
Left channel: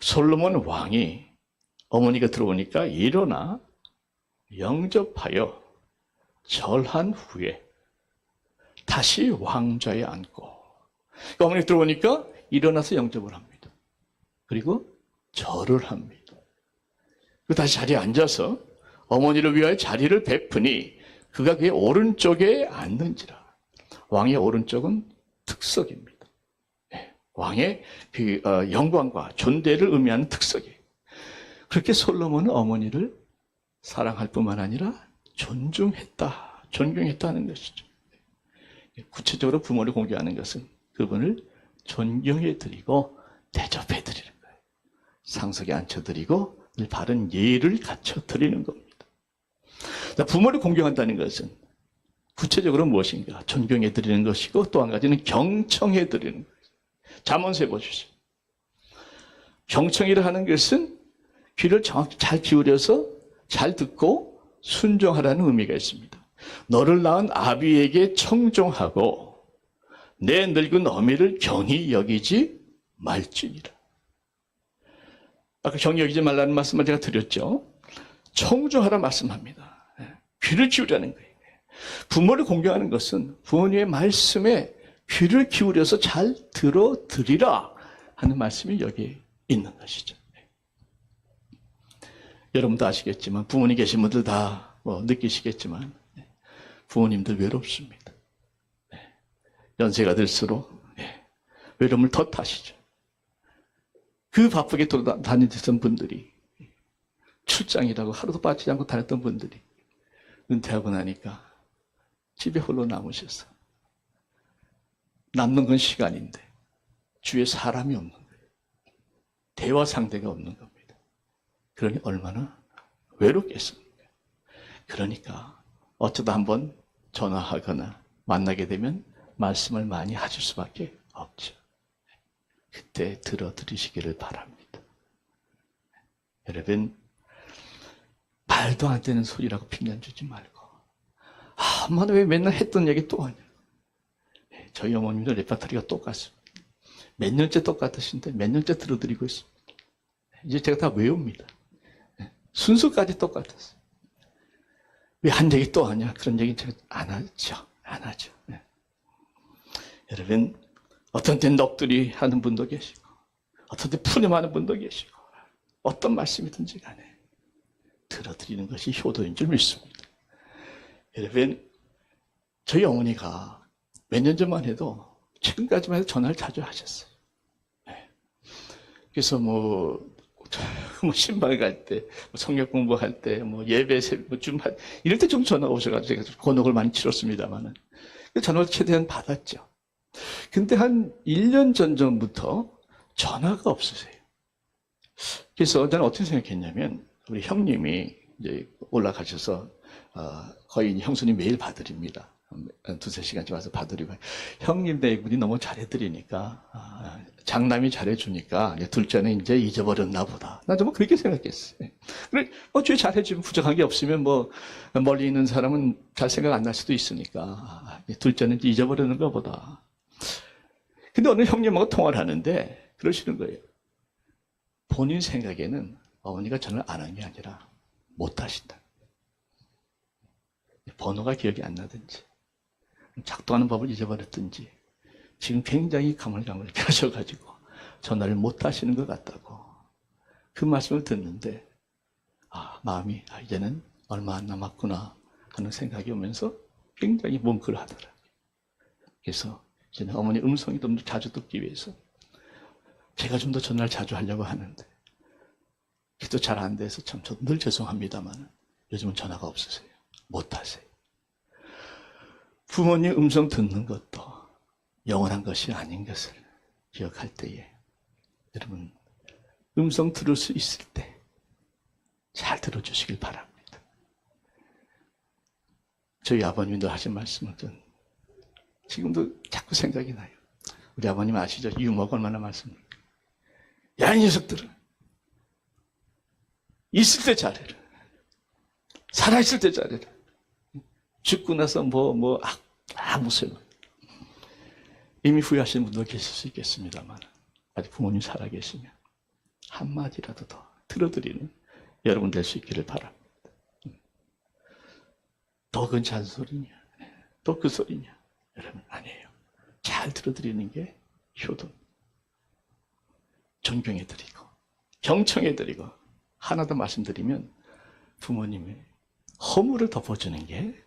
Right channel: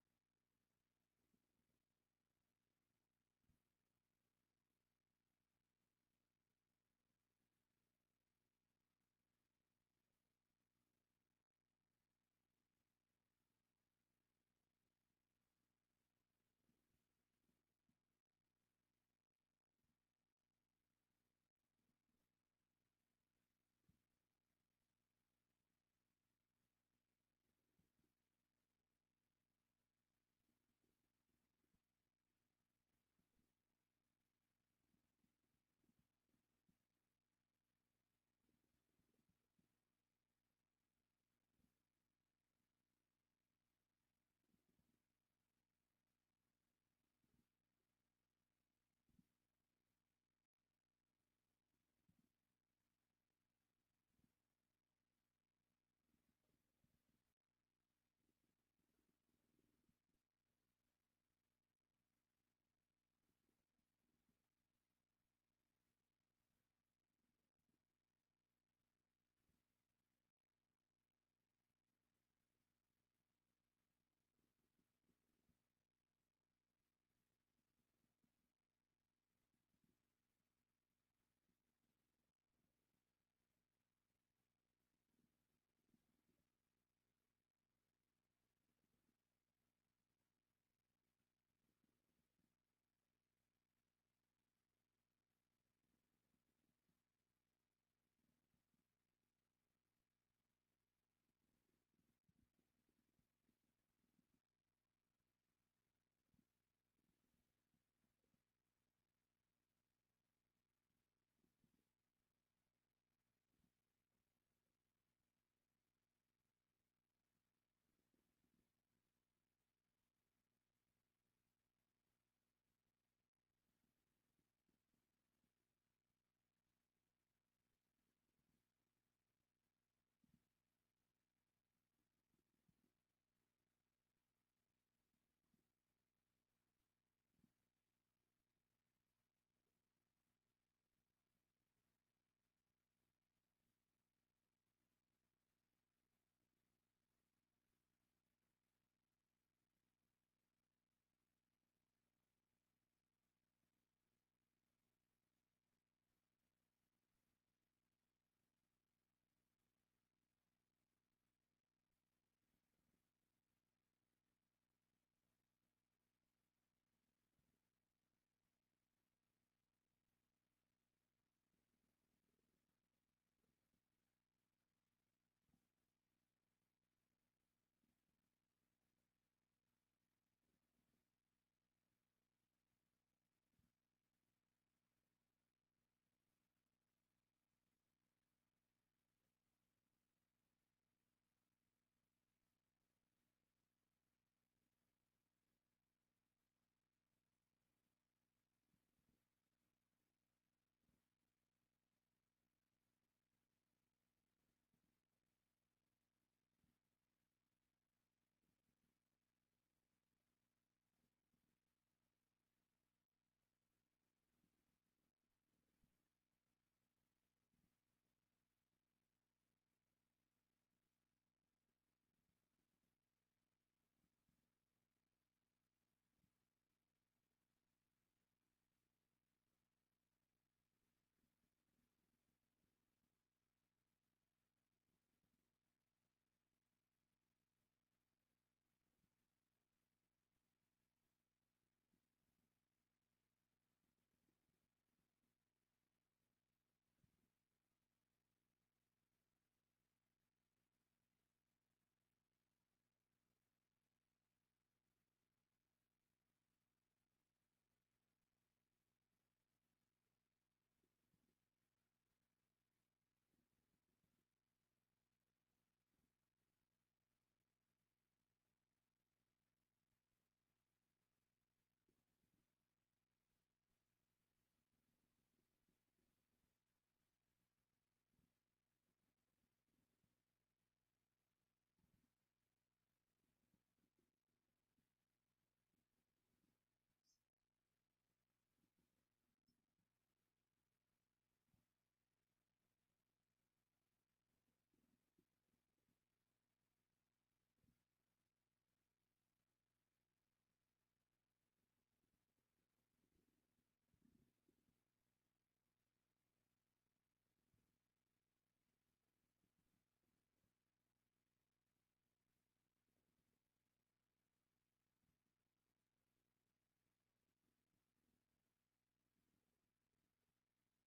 솔로몬 왕이 어머니가 들어오니까 일어나 영접하여 절한 후에 다시 왕좌에 앉고, 그러니까 어머니가 들어오니까 일어나서 영접을 합니다. 그리고 절을 합니다. 그리고 다시 자리에 앉아서 어머니를 위하여 자리를 베푸니 그가 그의 오른쪽에 앉는지라. 왕의 오른쪽은 특석입니다. 왕의 그 영광과 존대를 의미하는 특석이에요. 그렇게 솔로몬은 어머니를 사랑할 뿐만 아니라 존경했다는 것이죠. 구체적으로 부모를 공경하는 것은 그분을 존경해드리고 대접해드리는 거예요. 상석에 앉혀드리고 바른 예의를 갖춰드리는 겁니다. 부모를 공경한다는 것은 구체적으로 무엇인가? 존경해드리는 것이고 또 한 가지는 경청해드리는 거예요. 잠언서에 보십시오. 경청이라 하는 것은 귀를 정확히 잘 기울여서 잘 듣고 순종하라는 의미가 있습니다. 너를 낳은 아비에게 청종하고 내 늙은 어미를 경히 여기지 말지니라. 아까 경히 여기지 말라는 말씀을 제가 드렸죠. 청종하라 말씀합니다. 귀를 기울이라는 거예요. 부모를 공경하는 것은 부모님의 말씀에 귀를 기울여서 잘 들어드리라 하는 말씀이 여기에 있는 것이죠. 여러분도 아시겠지만 부모님 계신 분들 다 느끼시겠지만 부모님들 외롭습니다. 연세가 들수록 외로움을 더 타시죠. 그 바쁘게 돌아다니던 분들이, 출장이라고 하루도 빠지지 않고 다녔던 분들이 은퇴하고 나니까 집에 홀로 남으셔서 남는 건 시간인데 주위에 사람이 없는 거예요. 대화 상대가 없는 겁니다. 그러니 얼마나 외롭겠습니까? 그러니까 어쩌다 한번 전화하거나 만나게 되면 말씀을 많이 하실 수밖에 없죠. 그때 들어드리시기를 바랍니다. 여러분, 말도 안 되는 소리라고 핑계 주지 말고, 엄마는 왜 맨날 했던 얘기 또 하냐. 저희 어머님도 레파토리가 똑같습니다. 몇 년째 똑같으신데 몇 년째 들어드리고 있습니다. 이제 제가 다 외웁니다. 순서까지 똑같았어요. 왜 한 얘기 또 하냐? 그런 얘기 제가 안 하죠. 안 하죠. 여러분, 어떤 때 넋두리 하는 분도 계시고, 어떤 때 푸념하는 분도 계시고, 어떤 말씀이든지 간에 들어드리는 것이 효도인 줄 믿습니다. 여러분, 저희 어머니가 몇 년 전만 해도 최근까지만 해도 전화를 자주 하셨어요. 네. 그래서 신방 갈 때, 성역 공부할 때, 예배, 주말, 이럴 때 좀 전화 오셔가지고 제가 곤혹을 많이 치렀습니다만은. 전화를 최대한 받았죠. 근데 한 1년 전부터 전화가 없으세요. 그래서 저는 어떻게 생각했냐면, 우리 형님이 이제 올라가셔서, 거의 형수님 매일 봐드립니다. 두세 시간씩 와서 봐드리고. 형님 댁분이 너무 잘해드리니까, 장남이 잘해주니까, 둘째는 이제 잊어버렸나 보다. 나 좀 그렇게 생각했어요. 그래, 죄 잘해주면 부족한 게 없으면 멀리 있는 사람은 잘 생각 안 날 수도 있으니까, 둘째는 잊어버렸는가 보다. 근데 어느 형님하고 통화를 하는데, 그러시는 거예요. 본인 생각에는 어머니가 전화를 안 한 게 아니라 못 하신다. 번호가 기억이 안 나든지, 작동하는 법을 잊어버렸든지, 지금 굉장히 가물가물하게 하셔가지고 전화를 못 하시는 것 같다고. 그 말씀을 듣는데, 마음이 이제는 얼마 안 남았구나 하는 생각이 오면서 굉장히 뭉클 하더라고요. 그래서 이제는 어머니 음성이 좀 더 자주 듣기 위해서 제가 좀 더 전화를 자주 하려고 하는데, 기도 잘 안 돼서 참 저도 늘 죄송합니다만 요즘은 전화가 없으세요. 못 하세요. 부모님 음성 듣는 것도 영원한 것이 아닌 것을 기억할 때에, 여러분 음성 들을 수 있을 때 잘 들어주시길 바랍니다. 저희 아버님도 하신 말씀은 지금도 자꾸 생각이 나요. 우리 아버님 아시죠? 유머가 얼마나 많습니까? 야, 이 녀석들은 있을 때 잘해라. 살아있을 때 잘해라. 죽고 나서 아무 소용. 이미 후회하시는 분도 계실 수 있겠습니다만, 아직 부모님 살아계시면 한마디라도 더 들어드리는 여러분 될 수 있기를 바랍니다. 또 그건 잔소리냐? 또 그 소리냐? 여러분, 아니에요. 잘 들어드리는 게 효도. 존경해드리고, 경청해드리고, 하나 더 말씀드리면, 부모님의 허물을 덮어주는 게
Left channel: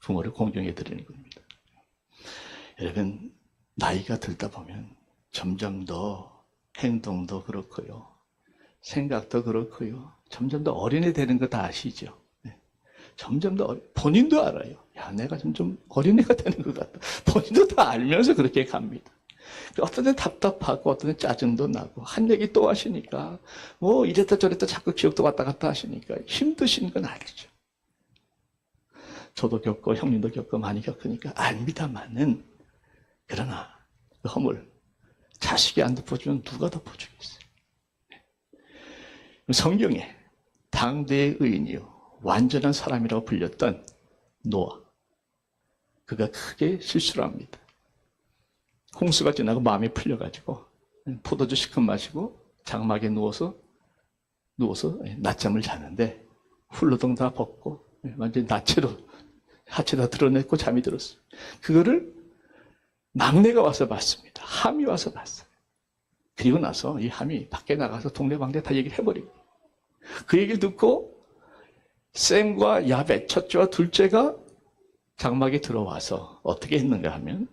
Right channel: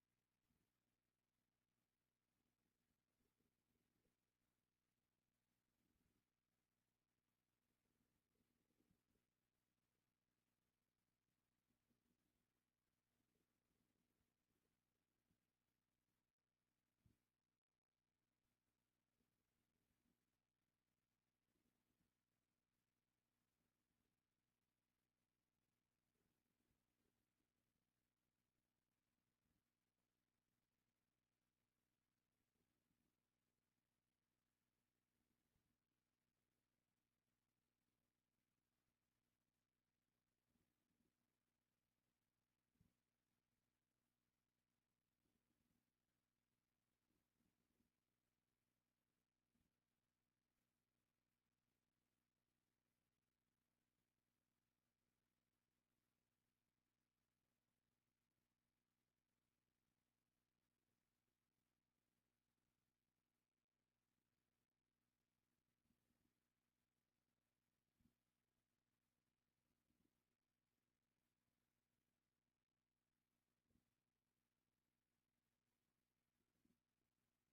부모를 공경해드리는 겁니다. 여러분, 나이가 들다 보면 점점 더 행동도 그렇고요, 생각도 그렇고요, 점점 더 어린애 되는 거 다 아시죠? 네. 점점 더 본인도 알아요. 야, 내가 점점 어린애가 되는 것 같다. 본인도 다 알면서 그렇게 갑니다. 어떤 데 답답하고 어떤 데 짜증도 나고, 한 얘기 또 하시니까 이랬다 저랬다 자꾸 기억도 왔다 갔다 하시니까 힘드신 건 알죠. 저도 겪고 형님도 겪고 많이 겪으니까 압니다만은, 그러나 그 허물 자식이 안 덮어주면 누가 덮어주겠어요? 성경에 당대의 의인이요 완전한 사람이라고 불렸던 노아, 그가 크게 실수를 합니다. 홍수가 지나고 마음이 풀려가지고 포도주 시큼 마시고 장막에 누워서 낮잠을 자는데, 훌러덩 다 벗고 완전히 나체로 하체 다 드러냈고 잠이 들었어요. 그거를 막내가 와서 봤습니다. 함이 와서 봤어요. 그리고 나서 이 함이 밖에 나가서 동네방네 다 얘기를 해버리고, 그 얘기를 듣고 셈과 야벳, 첫째와 둘째가 장막에 들어와서 어떻게 했는가 하면,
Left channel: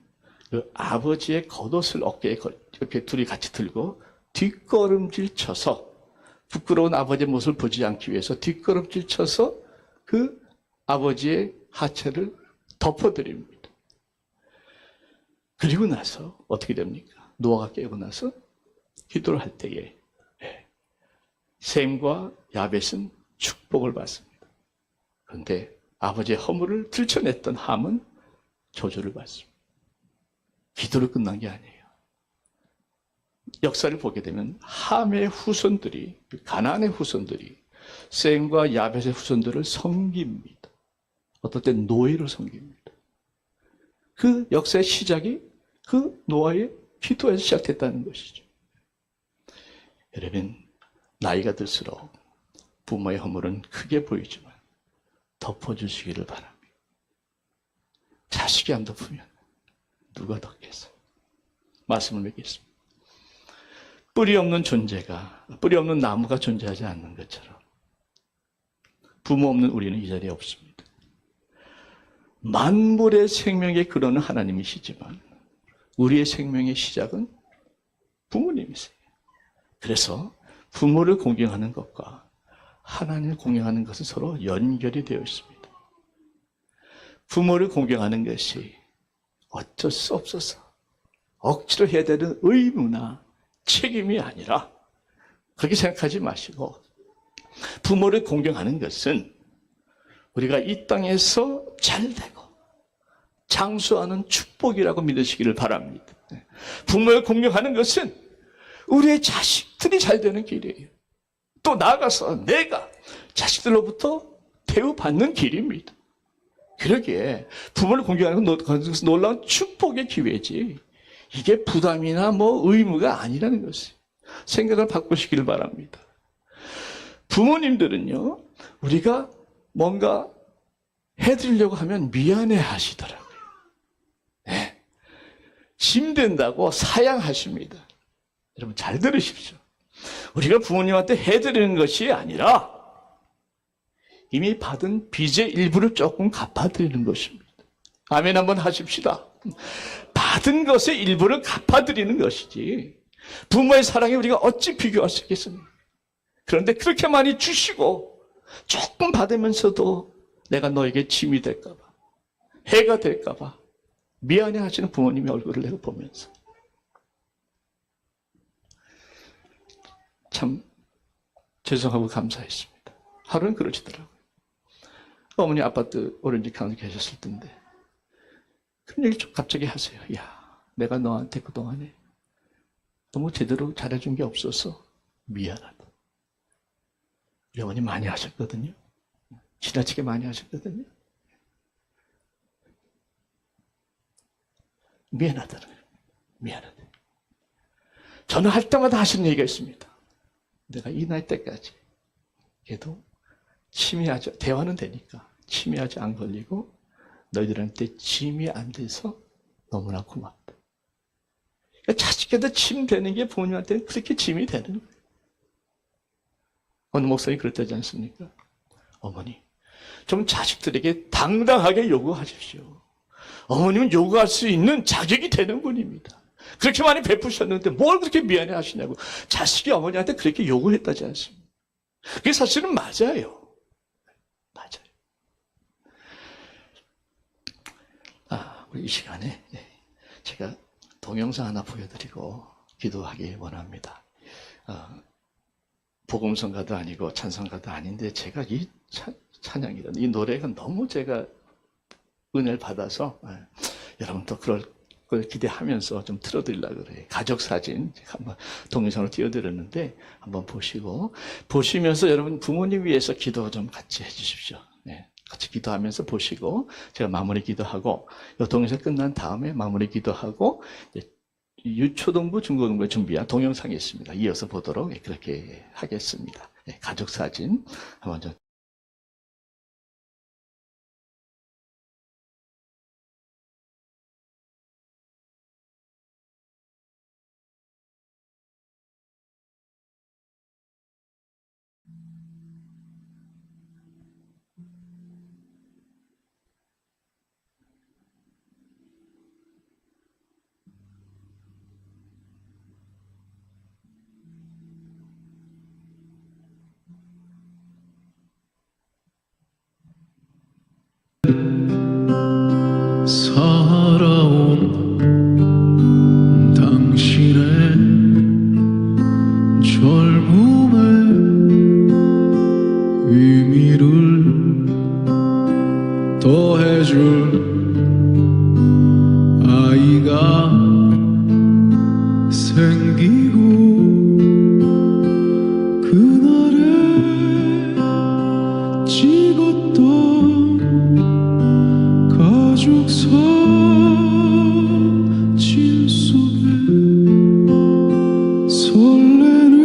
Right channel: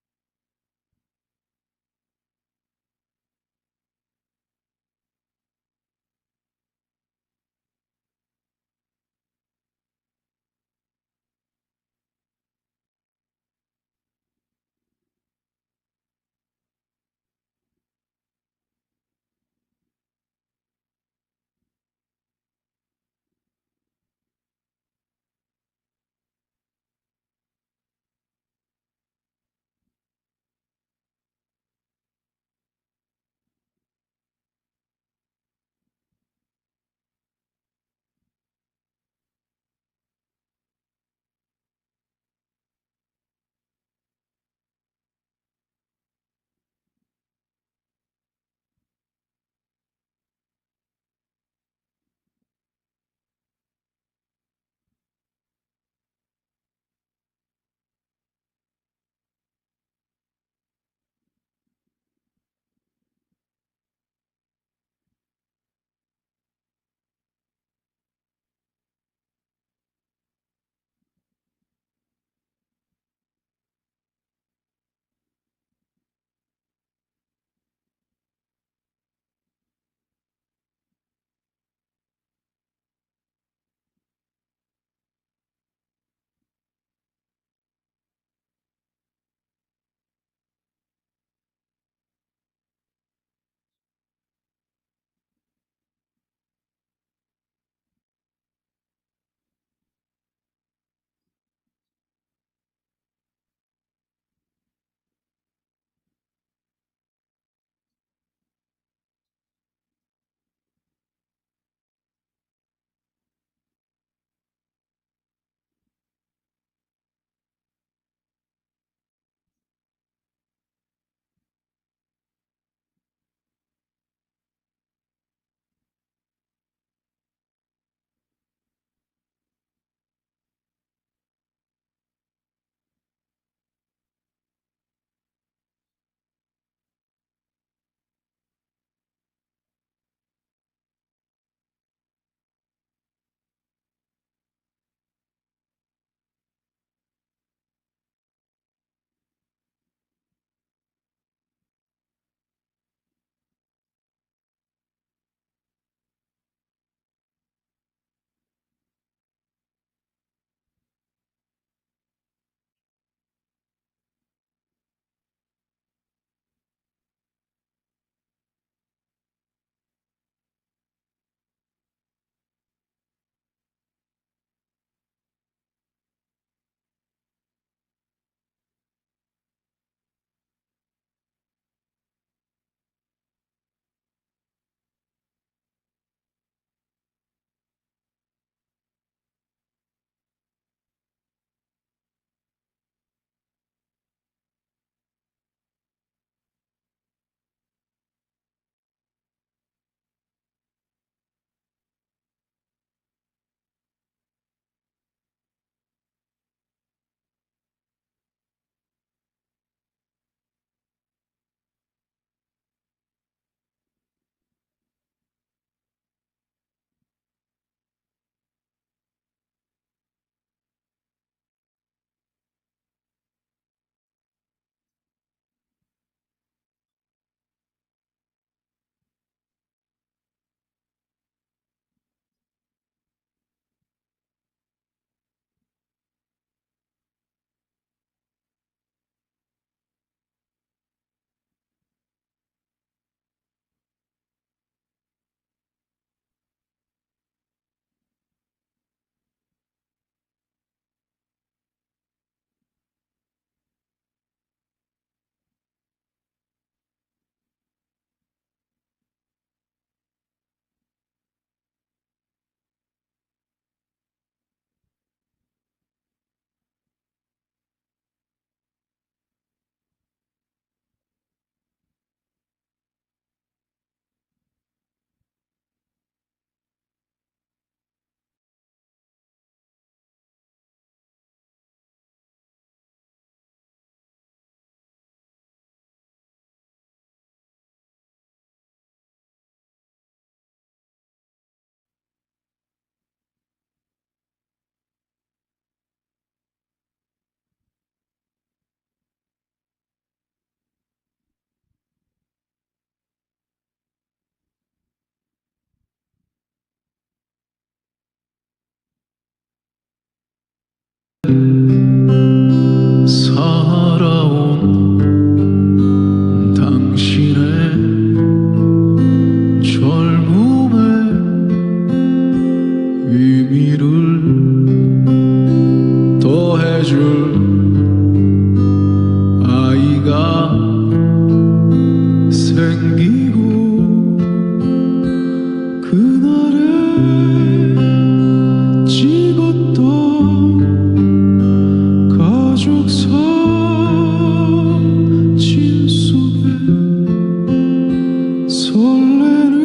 그 아버지의 겉옷을 어깨에 이렇게 둘이 같이 들고 뒷걸음질 쳐서, 부끄러운 아버지의 모습을 보지 않기 위해서 뒷걸음질 쳐서 그 아버지의 하체를 덮어드립니다. 그리고 나서 어떻게 됩니까? 노아가 깨고 나서 기도를 할 때에 셈과 야벳은 축복을 받습니다. 그런데 아버지의 허물을 들춰냈던 함은 저주를 받습니다. 기도를 끝난 게 아니에요. 역사를 보게 되면 함의 후손들이, 가나안의 후손들이 셈과 야벳의 후손들을 섬깁니다. 어떨 땐 노예로 섬깁니다. 그 역사의 시작이 그 노아의 기도에서 시작됐다는 것이죠. 여러분, 나이가 들수록 부모의 허물은 크게 보이지만 덮어주시기를 바랍니다. 자식이 안 덮으면 누가 덮겠어요? 말씀을 맺겠습니다. 뿌리 없는 존재가, 뿌리 없는 나무가 존재하지 않는 것처럼 부모 없는 우리는 이 자리에 없습니다. 만물의 생명의 근원은 하나님이시지만 우리의 생명의 시작은 부모님이세요. 그래서 부모를 공경하는 것과 하나님을 공경하는 것은 서로 연결이 되어 있습니다. 부모를 공경하는 것이 어쩔 수 없어서 억지로 해야 되는 의무나 책임이 아니라 그렇게 생각하지 마시고 부모를 공경하는 것은 우리가 이 땅에서 잘되고 장수하는 축복이라고 믿으시기를 바랍니다. 부모를 공경하는 것은 우리의 자식들이 잘되는 길이에요. 또 나아가서 내가 자식들로부터 대우받는 길입니다. 그러기에 부모를 공경하는 것은 놀라운 축복의 기회지 이게 부담이나 의무가 아니라는 것을 생각을 바꾸시길 바랍니다. 부모님들은요, 우리가 뭔가 해드리려고 하면 미안해 하시더라고요. 네. 짐된다고 사양하십니다. 여러분 잘 들으십시오. 우리가 부모님한테 해드리는 것이 아니라 이미 받은 빚의 일부를 조금 갚아드리는 것입니다. 아멘 한번 하십시다. 받은 것의 일부를 갚아드리는 것이지 부모의 사랑에 우리가 어찌 비교할 수 있겠습니까? 그런데 그렇게 많이 주시고 조금 받으면서도 내가 너에게 짐이 될까 봐, 해가 될까 봐 미안해 하시는 부모님의 얼굴을 내가 보면서 참 죄송하고 감사했습니다. 하루는 그러시더라고요. 어머니 아파트 오렌지 강에 계셨을 텐데 그런 얘기 좀 갑자기 하세요. 야, 내가 너한테 그동안에 너무 제대로 잘해준 게 없어서 미안하다. 우리 어머니 많이 하셨거든요. 지나치게 많이 하셨거든요. 미안하다는 거예요. 미안하다. 저는 할 때마다 하시는 얘기가 있습니다. 내가 이 나이 때까지 걔도 치매하지, 대화는 되니까 치매하지 안 걸리고 너희들한테 짐이 안 돼서 너무나 고맙다. 그러니까 자식한테 짐 되는 게 부모님한테는 그렇게 짐이 되는 거예요. 어느 목사님이 그랬다지 않습니까? 어머니, 좀 자식들에게 당당하게 요구하십시오. 어머님은 요구할 수 있는 자격이 되는 분입니다. 그렇게 많이 베푸셨는데 뭘 그렇게 미안해 하시냐고. 자식이 어머니한테 그렇게 요구했다지 않습니까? 그게 사실은 맞아요. 맞아요. 우리 이 시간에 제가 동영상 하나 보여드리고 기도하기 원합니다. 복음성가도 아니고 찬송가도 아닌데 제가 이 찬양이라는 이 노래가 너무 제가 은혜를 받아서 여러분도 그럴 걸 기대하면서 좀 틀어드리려고 그래요. 가족 사진 한번 동영상으로 띄워드렸는데 한번 보시면서 여러분 부모님 위해서 기도 좀 같이 해주십시오. 네, 같이 기도하면서 보시고 제가 마무리 기도하고 이 동영상 끝난 다음에 마무리 기도하고 유초등부 중고등부에 준비한 동영상이 있습니다. 이어서 보도록 그렇게 하겠습니다. 네, 가족 사진 한번 좀 살아온 당신의 젊음의 의미를 더해줄 아이가 생기고 그날에 찍었던 가족 사진 속에 설레는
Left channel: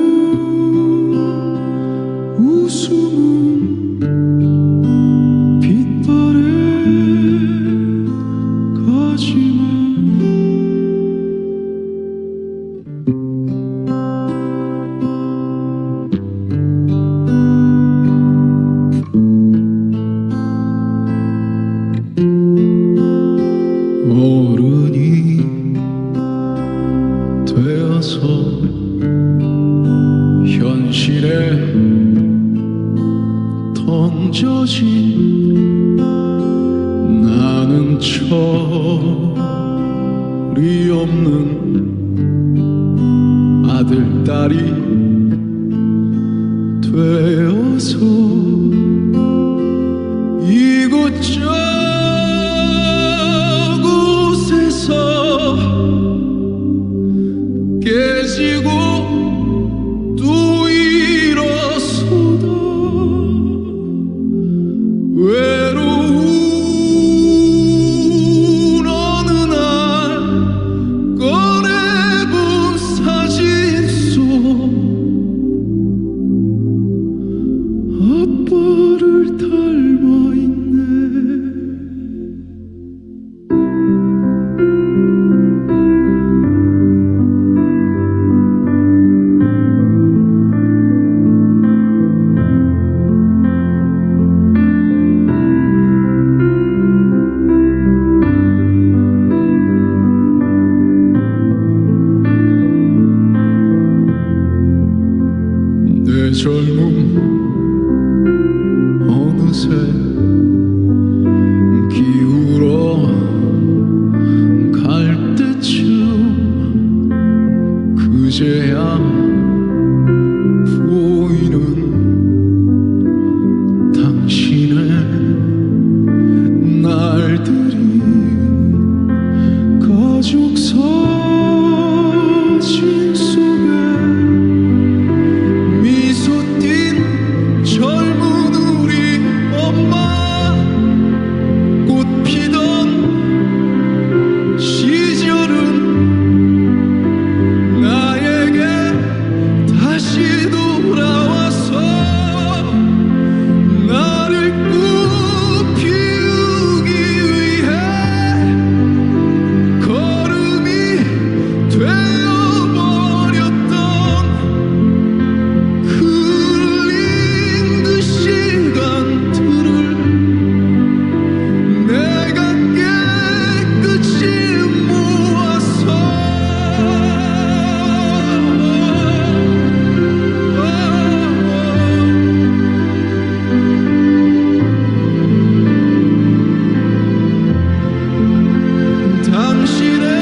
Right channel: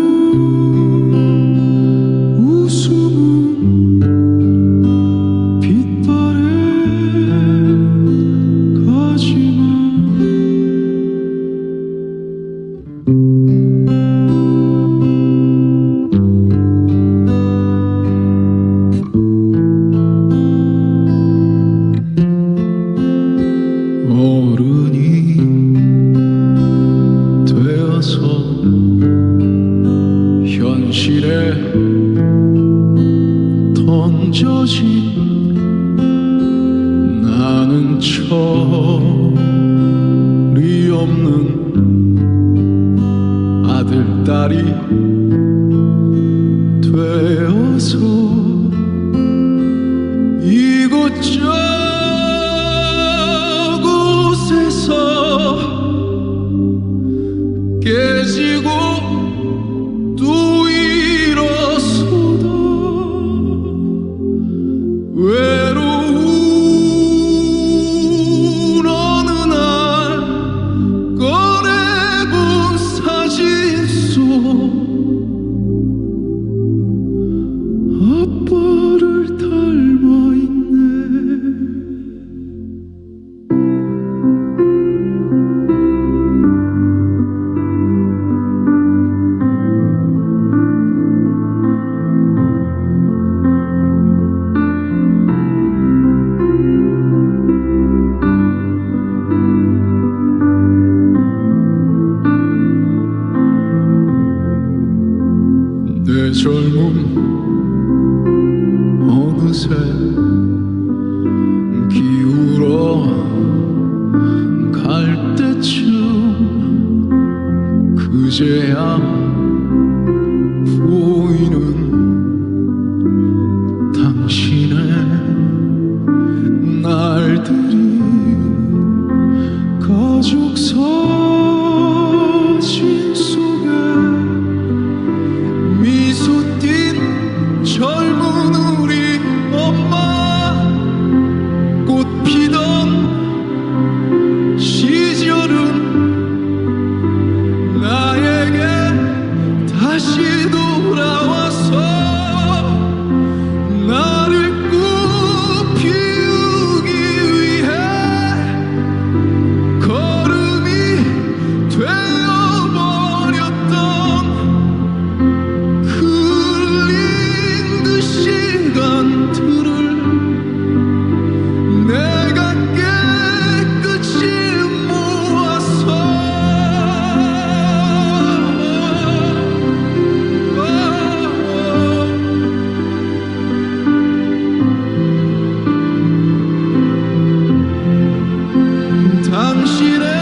웃음은 빛발에 가지만 어른이 되어서 현실에 던져진 나는 철이 없는 아들, 딸이 되어서 이곳저곳에서 깨지고 또 일어서다 외로운 어느 날 꺼내본 사진 속 아빠를 닮아 있네. 내 젊음 어느새 기울어 갈 때쯤 그제야 보이는 당신의 날들이 가족 사진 속에 미소 띤 젊은 우리 엄마 꽃 피던 시절은 나에게 다시 돌아와서 나를 꽃 피우기 위해 걸음이 되어버렸던 내가 깨끗이 모아서 당신의